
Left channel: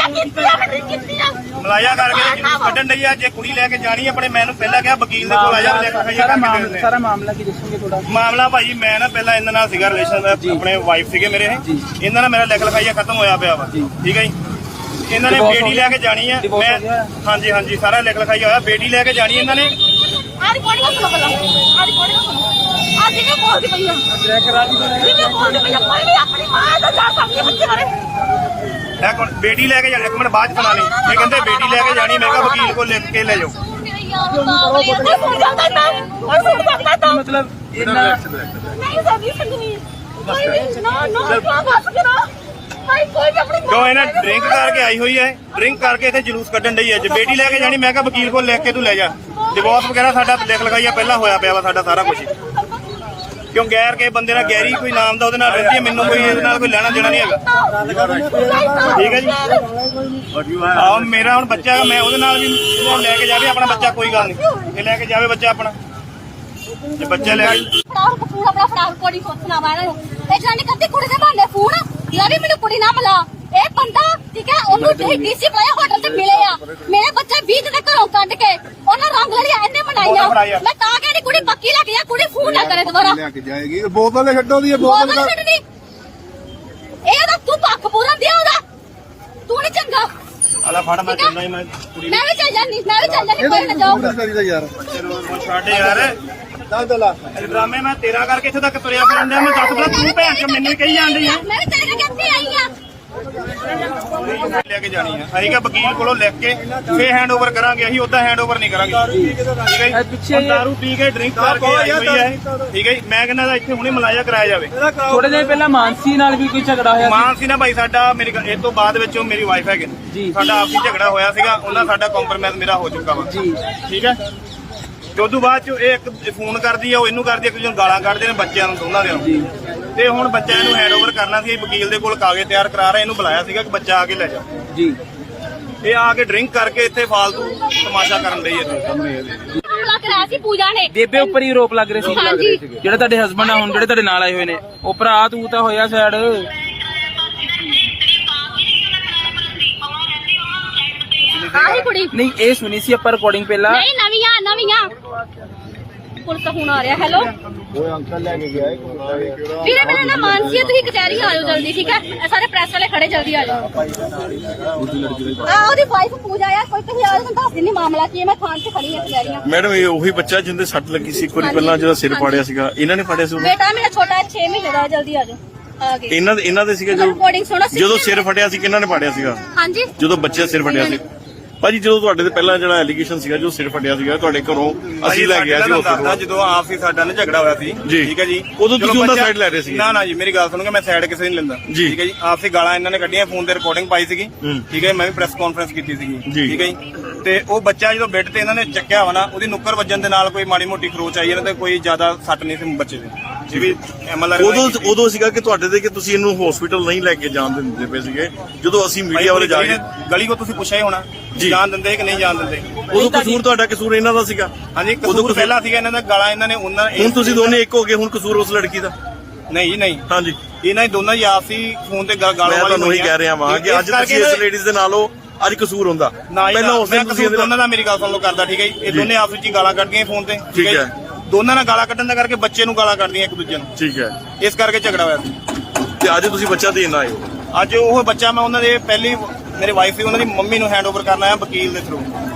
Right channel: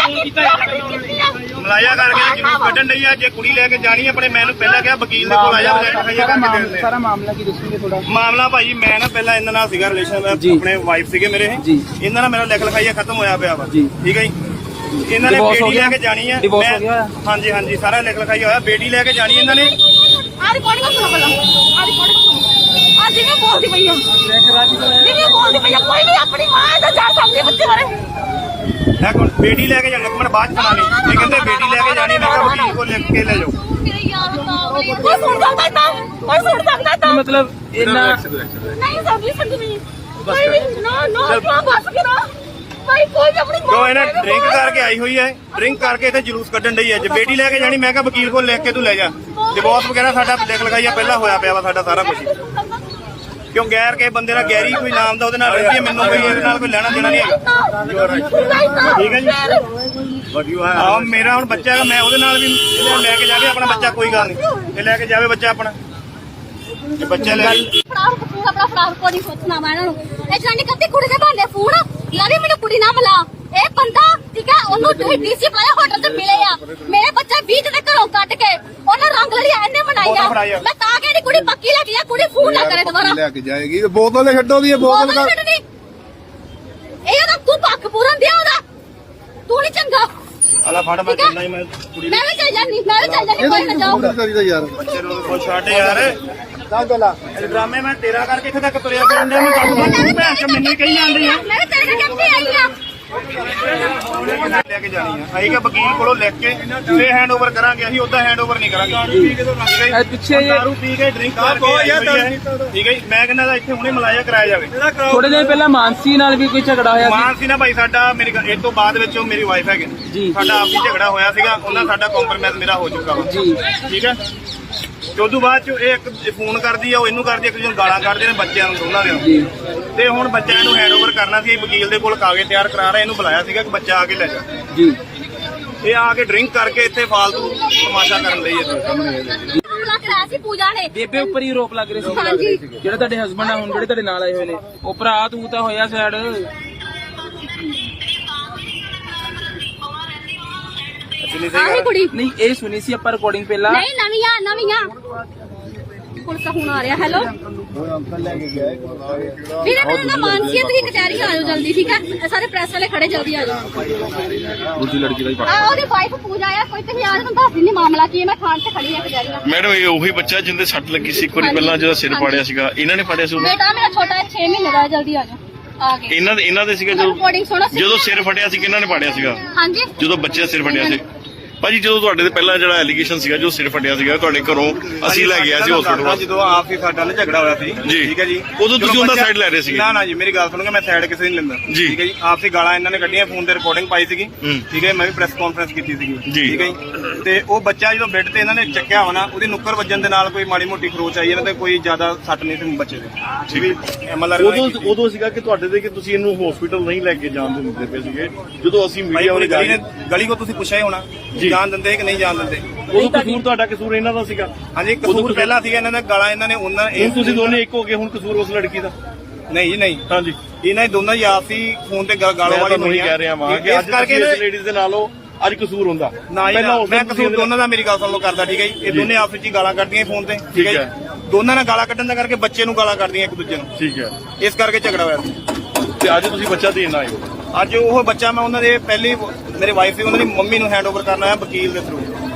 [SPEAKER 2] ਮਲਾਜਾ ਕਰਕੇ ਜਲੂਸ ਕੱਢਣ ਲਈ ਆ। ਜੇ ਕੁੜੀ ਲੈ ਕੇ ਜਾਣੀ ਆਪਣੇ, ਮੈਨੂੰ ਪਹਿਲਾਂ ਕਿਹਾ ਵਕੀਲ ਦੇ ਕੋਲ ਆ ਜਾ।
[SPEAKER 1] ਸਾਰਾ ਮਾਮਲਾ ਕੀ ਦੱਸੋਗੇ ਥੋੜਾ?
[SPEAKER 2] ਮਾਮਲਾ ਭਾਈ ਮੈਂ ਨਾ ਪਹਿਲਾਂ ਇਹਨਾਂ ਨਾਲ ਸੀਗਾ ਰਿਲੇਸ਼ਨ, ਆਪਣੇ ਵਾਈਫ ਸੀਗੇ ਮੇਰੇ ਇਹ,
[SPEAKER 1] ਜੀ।
[SPEAKER 2] ਇਹਨਾਂ ਨਾਲ ਮੇਰਾ ਲਿਖ ਲਿਖਾਈਆ ਖਤਮ ਹੋਇਆ ਪਿਆ ਵਾ, ਠੀਕ ਹੈ ਜੀ। ਇਹਨਾਂ ਨੇ ਬੇਟੀ ਲੈ ਕੇ ਜਾਣੀ ਹੈ, ਮੈਂ ਹਾਂਜੀ ਹਾਂਜੀ ਸਾਰਾ ਲਿਖ ਲਿਖਾਈਆ ਹੋਇਆ, ਬੇਟੀ ਲੈ ਕੇ ਜਾਣੀ ਇਹਨਾਂ ਨੇ।
[SPEAKER 3] ਆ ਰਿਕਾਰਡ ਕਰ ਸੁਣੋ ਪਹਿਲਾਂ, ਆ ਰਿਕਾਰਡ ਕਰ ਸੁਣੋ। ਆ ਜਿਹਨੇ ਬੋਲਦੀ ਪਈ ਆ, ਜਿਹਨੇ ਬੋਲਦੀ ਪਈ ਆ, ਕੋਈ ਨਹੀਂ ਆਪਣੀ ਮਾਂ ਦਾ ਜਾ ਸਕਦੀ ਬੱਚੇ ਬਾਰੇ।
[SPEAKER 2] ਬੇਟੀ ਲੈ ਕੇ ਜਾਣੀ, ਇੱਕ ਮਿੰਟ ਬਾਅਦ ਚ ਸੁਣਾਣੀ। ਇਹ ਕਹਿੰਦੇ ਬੇਟੀ ਲੈ ਕੇ ਜਾਣੀ, ਮੈਂ ਕਿਹਾ ਵਕੀਲ ਕੋਲ ਲਿਖ ਕੇ ਲੈ ਜਾਓ।
[SPEAKER 3] ਮੇਰੇ ਯਾਰ ਬਾਵਲੀ ਆ, ਕੋਈ ਸੁਣ ਸਕਦਾ ਤਾਂ, ਕੋਈ ਸੁਣ ਸਕਦਾ ਤਾਂ।
[SPEAKER 1] ਮਤਲਬ ਇਹਨਾਂ
[SPEAKER 3] ਨਹੀਂ ਸਮਝੀ ਸਕਦੀ, ਕੋਈ ਵੀ ਨਾ ਕਿਉਂ ਬਸ ਕਰੋ, ਕੋਈ ਵੀ ਆਪਣੀ
[SPEAKER 2] ਜੋ ਇਹਨਾਂ ਡਰਿੰਕ ਕਰਕੇ ਆਈ ਹੋਈ ਹੈ, ਡਰਿੰਕ ਕਰਕੇ ਇੱਥੇ ਜਲੂਸ ਕੱਢਣ ਡਈ ਹੈ। ਜੇ ਬੇਟੀ ਲੈ ਕੇ ਜਾਣੀ, ਮੈਂ ਕਿਹਾ ਵਕੀਲ ਕੋਲ ਲਿਖ ਕੇ ਤੂੰ ਲੈ ਜਾ। ਡਿਵੋਰਸ ਵਗੈਰਾ ਸਾਡਾ ਲਿਖ ਲਿਖਾਈਆ ਪਹਿਲਾਂ ਹੋਇਆ ਪਿਆ ਵਾ ਸਾਡਾ ਸਾਰਾ ਕੁਝ, ਕਿਉਂ ਗੈਰ ਕੇ ਬੰਦੇ ਨਾਲ ਗੈਰੀ ਕੋਈ ਨਾਮ ਦਾ ਉਹਦੇ ਨਾਲ ਰਹਿੰਦੀ ਹੈ, ਮੈਨੂੰ ਕੋਈ ਇਹਦੇ ਨਾਲ ਕੋਈ ਲੈਣਾ ਦੇਣਾ ਨਹੀਂ ਹੈਗਾ, ਠੀਕ ਹੈ ਜੀ। ਆਹ ਮੇਰਾ ਹੁਣ ਬੱਚਾ ਹੈਗਾ, ਮੈਂ ਉਹਦੇ ਨਾਲ ਵੀ ਲੈ ਕੇ ਜਾਵੇ ਆਪਣਾ ਬੱਚਾ, ਕੋਈ ਗੱਲ ਨਹੀਂ, ਇਹ ਲੈ ਕੇ ਜਾਵੇ ਬੱਚਾ ਆਪਣਾ, ਜੇ ਬੱਚਾ ਲੈ ਕੇ
[SPEAKER 6] ਫਰਾਡ ਕਪੂਰ ਆਪਣਾ ਫਰਾਡ ਕੋਡੀ ਸੋਚਣਾ ਵਾ ਇਹਨਾਂ ਨੂੰ। ਇਹ ਜਾਨੀ ਕੱਤੀ ਕੁੜੀ ਦੇ ਬਹਾਨੇ ਫੋਨ ਯਾਰ ਮੈਨੂੰ ਕੁੜੀ ਨਾ ਮਿਲਾ, ਇਹ ਬੰਦਾ ਠੀਕ ਹੈ, ਉਹਨੂੰ ਡੀਸੀ ਬੁਲਾਇਆ, ਹੋਟਲ ਤੇ ਮਿਲੇ ਆ, ਮੇਰੇ ਬੱਚੇ 20 ਦੇ ਘਰੋਂ ਕੱਢ ਕੇ ਉਹਨਾਂ ਰੰਗ ਲੜੀਆਂ ਇਹਨੇ ਮਨਾਈਆਂ। ਮੈਂ ਤਾਂ ਕਹਿੰਦੀ ਕੁੜੀ ਪੱਕੀ ਲੱਗ ਜਾ, ਕੁੜੀ ਫੋਨ ਨਾ ਕਰੇ ਦੁਬਾਰਾ,
[SPEAKER 4] ਲੈ ਕੇ ਜਾਏਗੀ। ਬੋਤਲ ਛੱਡੋ ਦੀ
[SPEAKER 6] ਬੋਤਲ ਛੱਡਣੀ, ਇਹ ਤਾਂ ਤੂੰ ਪੱਖ ਪੂਰਨ ਦਿਆ ਉਹਦਾ, ਤੂੰ ਨਹੀਂ ਚੰਗਾ।
[SPEAKER 2] ਆਲਾ ਫੜ ਮੈਂ ਚੱਲਣਾ ਹੀ, ਮੈਂ ਕੁੜੀ
[SPEAKER 6] ਮੈਂ ਵੀ ਚੱਲ ਜਾਨੀ, ਮੈਂ ਵੀ ਚੱਲ ਜਾਨੀ, ਕੋਈ ਨਾ ਜਾਓ।
[SPEAKER 4] ਯਾਰ
[SPEAKER 2] ਬੱਚੇ ਨੂੰ ਛੱਡ ਯਾਰ। ਡਰਾਮੇ ਮੈਂ ਤੇਰਾ ਕਰਕੇ ਇੱਥੇ ਤੱਕ ਤੁਰਿਆ ਫਿਰਨ ਡਿਆ ਮੈਂ ਦੱਸ ਤੂੰ ਭੈਣ ਚ ਮੈਨੂੰ ਹੀ ਕਹੀ ਜਾਂਦੀ ਆ
[SPEAKER 6] ਮੈਂ ਤੇਰੇ ਕਰਕੇ ਆਈ ਆ
[SPEAKER 2] ਲੈ ਕੇ ਜਾਣੀ ਆ ਅਸੀਂ ਕਿ ਵਕੀਲ ਕੋਲੋਂ ਲਿਖ ਕੇ ਫੇਰ ਹੈਂਡਓਵਰ ਕਰਾਂਗੇ ਅਸੀਂ ਉਦਾਂ ਹੈਂਡਓਵਰ ਨਹੀਂ ਕਰਾਂਗੇ
[SPEAKER 1] ਪਿੱਛੇ
[SPEAKER 2] ਦਾਰੂ ਪੀ ਕੇ ਡਰਿੰਕ ਕਰਕੇ ਆਈ ਹੋਈ ਹੈ ਠੀਕ ਹੈ ਜੀ। ਮੈਂ ਕਹਿੰਦਾ ਇੱਥੇ ਹੁਣੇ ਮਲਾਇਆ ਕਰਾਇਆ ਜਾਵੇ
[SPEAKER 1] ਥੋੜੇ ਦਿਨ ਪਹਿਲਾਂ ਮਾਨਸੀ ਨਾਲ ਵੀ ਕੋਈ ਝਗੜਾ ਹੋਇਆ
[SPEAKER 2] ਮਾਨ ਸੀ ਨਾ ਭਾਈ ਸਾਡਾ ਮੇਰੇ ਇਹ ਤੋਂ ਬਾਅਦ ਵਿੱਚ ਉਹ ਮੇਰੀ ਵਾਈਫ ਹੈਗੇ
[SPEAKER 1] ਜੀ।
[SPEAKER 2] ਸਾਡਾ ਆਪਸੀ ਝਗੜਾ ਹੋਇਆ ਸੀਗਾ ਉਹਨਾਂ ਸਾਡਾ ਕੰਪਰਮਾਈਜ਼ ਮੇਰਾ ਹੋ ਚੁੱਕਾ ਵਾ
[SPEAKER 1] ਜੀ।
[SPEAKER 2] ਠੀਕ ਹੈ ਤੇ ਉਦੋਂ ਬਾਅਦ ਚ ਇਹ ਇੱਕ ਫੋਨ ਕਰਦੀ ਆ ਉਹ ਇਹਨੂੰ ਕਰਦੀ ਇੱਕ ਦੂਜੇ ਨੂੰ ਗਾਲਾਂ ਕੱਢਦੇ ਨੇ ਬੱਚਿਆਂ ਨੂੰ ਦੋਨਾਂ ਦੇ ਤੇ ਹੁਣ ਬੱਚਿਆਂ ਨੂੰ ਹੈਂਡਓਵਰ ਕਰਨਾ ਸੀ ਵਕੀਲ ਦੇ ਕੋਲ ਕਾਗਜ਼ ਤਿਆਰ ਕਰਾ ਰਿਹਾ ਇਹਨੂੰ ਬੁਲਾਇਆ ਸੀਗਾ ਕਿ ਬੱਚਾ ਆ ਕੇ ਲੈ ਜਾ
[SPEAKER 1] ਜੀ।
[SPEAKER 2] ਇਹ ਆ ਕੇ ਡਰਿੰਕ ਕਰਕੇ ਇੱਥੇ ਫਾਲਤੂ ਤਮਾਸ਼ਾ ਕਰਨ ਲਈ ਹੈ
[SPEAKER 6] ਹਮਲਾ ਕਰਾਇਆ ਸੀ ਪੂਜਾ ਨੇ
[SPEAKER 1] ਬੇਬੇ ਉੱਪਰ ਹੀ ਰੋਪ ਲੱਗ ਰਹੇ ਸੀ
[SPEAKER 6] ਹਾਂਜੀ।
[SPEAKER 1] ਜਿਹੜੇ ਤੁਹਾਡੇ ਹਸਬੰਡ ਆ ਹੁਣ ਜਿਹੜੇ ਤੁਹਾਡੇ ਨਾਲ ਆਏ ਹੋਏ ਨੇ ਉਹ ਭਰਾ ਤੂੰ ਤਾਂ ਹੋਇਆ ਸਾਈਡ
[SPEAKER 6] ਆਹੀ ਕੁੜੀ
[SPEAKER 1] ਨਹੀਂ ਇਹ ਸੁਣੀ ਸੀ ਆਪਾਂ ਰਿਕਾਰਡਿੰਗ ਪਹਿਲਾਂ
[SPEAKER 6] ਨਹੀਂ ਨਵੀਆਂ ਪੁਲਿਸ ਦਾ ਫੋਨ ਆ ਰਿਹਾ ਹੈਲੋ ਵੀਰੇ ਮੇਰਾ ਨਾਮ ਮਾਨਸੀ ਹੈ ਤੁਸੀਂ ਕਚਹਿਰੀ ਆਇਓ ਜਲਦੀ ਠੀਕ ਹੈ ਇਹ ਸਾਰੇ ਪ੍ਰੈਸ ਵਾਲੇ ਖੜੇ ਜਲਦੀ ਆ ਜਾਓ
[SPEAKER 1] ਦੂਜੀ ਲੜਕੀ ਦਾ ਹੀ
[SPEAKER 6] ਆ ਉਹਦੀ ਵਾਈਫ ਪੂਜਾ ਆ ਕੋਈ ਤੁਸੀਂ ਆ ਜਾਓ ਦੱਸ ਦਿੰਨੀ ਮਾਮਲਾ ਕੀ ਹੈ ਮੈਂ ਥਾਣੇ 'ਚ ਖੜੀ ਹਾਂ ਕਚਹਿਰੀਆਂ
[SPEAKER 5] ਮੈਡਮ ਇਹ ਉਹੀ ਬੱਚਾ ਜਿੰਦੇ ਸੱਟ ਲੱਗੀ ਸੀ ਇੱਕ ਵਾਰੀ ਪਹਿਲਾਂ ਜਿਹੜਾ ਸਿਰ ਪਾੜਿਆ ਸੀਗਾ ਇਹਨਾਂ ਨੇ ਪਾੜਿਆ ਸੀ ਉਹਨੂੰ
[SPEAKER 6] ਬੇਟਾ ਮੇਰਾ ਛੋਟਾ 6 ਮਹੀਨੇ ਦਾ ਹੈ ਜਲਦੀ ਆ ਜਾਓ ਆ ਗਏ
[SPEAKER 5] ਇਹਨਾਂ ਦੇ ਸੀਗਾ
[SPEAKER 6] ਰਿਕਾਰਡਿੰਗ ਸੁਣੋ
[SPEAKER 5] ਜਦੋਂ ਸਿਰ ਫਟਿਆ ਸੀ ਕਿਹਨਾਂ ਨੇ ਪਾੜਿਆ ਸੀਗਾ
[SPEAKER 6] ਹਾਂਜੀ
[SPEAKER 5] ਜਦੋਂ ਬੱਚੇ ਦਾ ਸਿਰ ਫਟਿਆ ਸੀ ਭਾਜੀ ਜਦੋਂ ਤੁਹਾਡੇ ਤੇ ਪਹਿਲਾਂ ਜਿਹੜਾ ਐਲੀਗੇਸ਼ਨ ਸੀਗਾ ਜੋ ਸਿਰ ਫਟਿਆ ਸੀਗਾ ਤੁਹਾਡੇ ਘਰੋਂ ਅਸੀਂ ਲੈ ਗਿਆ ਸੀ ਹਸਪੀਟਲ
[SPEAKER 2] ਜਦੋਂ ਆਪ ਹੀ ਸਾਡਾ ਨਾਲ ਝਗੜਾ ਹੋਇਆ ਸੀ
[SPEAKER 5] ਜੀ।
[SPEAKER 2] ਠੀਕ ਹੈ ਜੀ
[SPEAKER 5] ਉਦੋਂ ਤੁਸੀਂ ਉਹਨਾਂ ਸਾਈਡ ਲੈ ਰਹੇ ਸੀਗੇ
[SPEAKER 2] ਨਾ ਜੀ ਮੇਰੀ ਗੱਲ ਸੁਣੋਗੇ ਮੈਂ ਸਾਈਡ ਕਿਸੇ ਨਹੀਂ ਲੈਂਦਾ
[SPEAKER 5] ਜੀ।
[SPEAKER 2] ਠੀਕ ਹੈ ਜੀ ਆਪਸੀ ਗਾਲਾਂ ਇਹਨਾਂ ਨੇ ਕੱਢੀਆਂ ਫੋਨ ਤੇ ਰਿਕਾਰਡਿੰਗ ਪਾਈ ਸੀਗੀ
[SPEAKER 5] ਹੂੰ।
[SPEAKER 2] ਠੀਕ ਹੈ ਮੈਂ ਵੀ ਪ੍ਰੈਸ ਕਾਨਫਰੰਸ ਕੀਤੀ ਸੀਗੀ
[SPEAKER 5] ਜੀ।
[SPEAKER 2] ਠੀਕ ਹੈ ਜੀ ਤੇ ਉਹ ਬੱਚਾ ਜਦੋਂ ਬੈੱਡ ਤੇ ਇਹਨਾਂ ਨੇ ਚੱਕਿਆ ਹੋਣਾ ਉਹਦੀ ਨੁੱਕਰ ਵੱਜਣ ਦੇ ਨਾਲ ਕੋਈ ਮਾੜੀ ਮੋਟੀ ਖਰੋਚ ਆਈ ਇਹਨਾਂ ਤੇ ਕੋਈ ਜ਼ਿਆਦਾ ਸੱਟ ਨਹੀਂ ਸੀ ਬੱਚੇ ਦੇ ਠੀਕ ਹੈ ਐਮਐਲਆਰ
[SPEAKER 5] ਉਦੋਂ ਸੀਗਾ ਕਿ ਤੁਹਾਡੇ ਤੇ ਕਿ ਤੁਸੀਂ ਇਹਨੂੰ ਹਸਪੀਟਲ ਨਹੀਂ ਲੈ ਕੇ ਜਾਣ ਦਿੰਦੇ ਪਏ ਸੀਗੇ ਜਦੋਂ ਅਸੀਂ
[SPEAKER 2] ਭਾਈ
[SPEAKER 5] ਮੀਡੀਆ
[SPEAKER 2] ਉਹਦੀ
[SPEAKER 5] ਵਾਲੇ
[SPEAKER 2] ਗਲੀ ਕੋ ਤੁਸੀਂ ਪੁੱਛਿਆ ਹੀ ਹੋਣਾ ਜਾਣ ਦਿੰਦੇ ਕਿ ਨਹੀਂ ਜਾਣ ਦਿੰਦੇ
[SPEAKER 5] ਉਦੋਂ ਕਸੂਰ ਤੁਹਾਡਾ ਕਸੂਰ ਇਹਨਾਂ ਦਾ ਸੀਗਾ
[SPEAKER 2] ਹਾਂਜੀ ਕਸੂਰ ਪਹਿਲਾਂ ਸੀਗਾ ਇਹਨਾਂ ਦਾ ਗਾਲਾਂ ਇਹਨਾਂ ਨੇ ਉਹਨਾਂ
[SPEAKER 5] ਹੁਣ ਤੁਸੀਂ ਦੋਨੇ ਇੱਕ ਹੋ ਗਏ ਹੁਣ ਕਸੂਰ ਉਸ ਲੜਕੀ ਦਾ
[SPEAKER 2] ਨਹੀਂ ਜੀ ਨਹੀਂ
[SPEAKER 5] ਹਾਂਜੀ
[SPEAKER 2] ਇਹਨਾਂ ਹੀ ਦੋਨਾਂ ਹੀ ਆਪਸੀ ਫੋਨ ਤੇ ਗਾਲਾਂ
[SPEAKER 5] ਮੈਂ
[SPEAKER 2] ਵਾਲੀ
[SPEAKER 5] ਤੁਹਾਨੂੰ ਇਹੀ
[SPEAKER 2] ਹੋਈਆਂ
[SPEAKER 5] ਕਹਿ ਰਿਹਾ ਵਾਂ ਕਿ ਅੱਜ ਤੁਸੀਂ ਇਸ ਲੇਡੀਜ਼ ਦੇ ਨਾਲ ਹੋ ਅੱਜ ਕਸੂਰ ਹੁੰਦਾ
[SPEAKER 2] ਨਾ ਜੀ ਨਾ,
[SPEAKER 5] ਪਹਿਲਾਂ ਉਸ
[SPEAKER 2] ਮੈਂ
[SPEAKER 5] ਦਿਨ ਤੁਸੀਂ
[SPEAKER 2] ਕਸੂਰ ਦੋਨਾਂ ਦਾ ਮੇਰੀ ਗੱਲ ਸੁਣ ਲਓ ਕਰਦਾ ਠੀਕ ਹੈ ਜੀ ਇਹ ਦੋਨੇ ਆਪਸ ਵਿੱਚ ਹੀ ਗਾਲਾਂ ਕੱਢਦੀਆਂ ਫੋਨ ਤੇ ਠੀਕ ਹੈ ਜੀ ਦੋਨਾਂ ਨਾਲ ਗਾਲਾਂ ਕੱਢਣ ਦਾ ਕਰਕੇ ਬੱਚੇ ਨੂੰ ਗਾਲਾਂ ਕੱਢਦੀਆਂ ਇੱਕ ਦੂਜੇ ਨੂੰ
[SPEAKER 5] ਠੀਕ ਹੈ
[SPEAKER 2] ਇਸ ਕਰਕੇ ਝਗੜਾ ਹੋਇਆ ਸੀ
[SPEAKER 5] ਤੇ ਅੱਜ ਤੁਸੀਂ ਬੱਚਾ ਦੇਣ ਆਏ ਹੋ
[SPEAKER 2] ਅੱਜ ਉਹ ਬੱਚਾ ਮੈਂ ਉਹਨਾਂ ਦੇ ਪਹਿਲੀ ਮੇਰੇ ਵਾਈਫ ਸੀ ਉਹਨਾਂ ਦੀ ਮੰਮੀ ਨੂੰ ਹੈਂਡਓਵਰ ਕਰਨਾ ਹੈ ਵਕੀਲ ਦੇ ਥਰੂ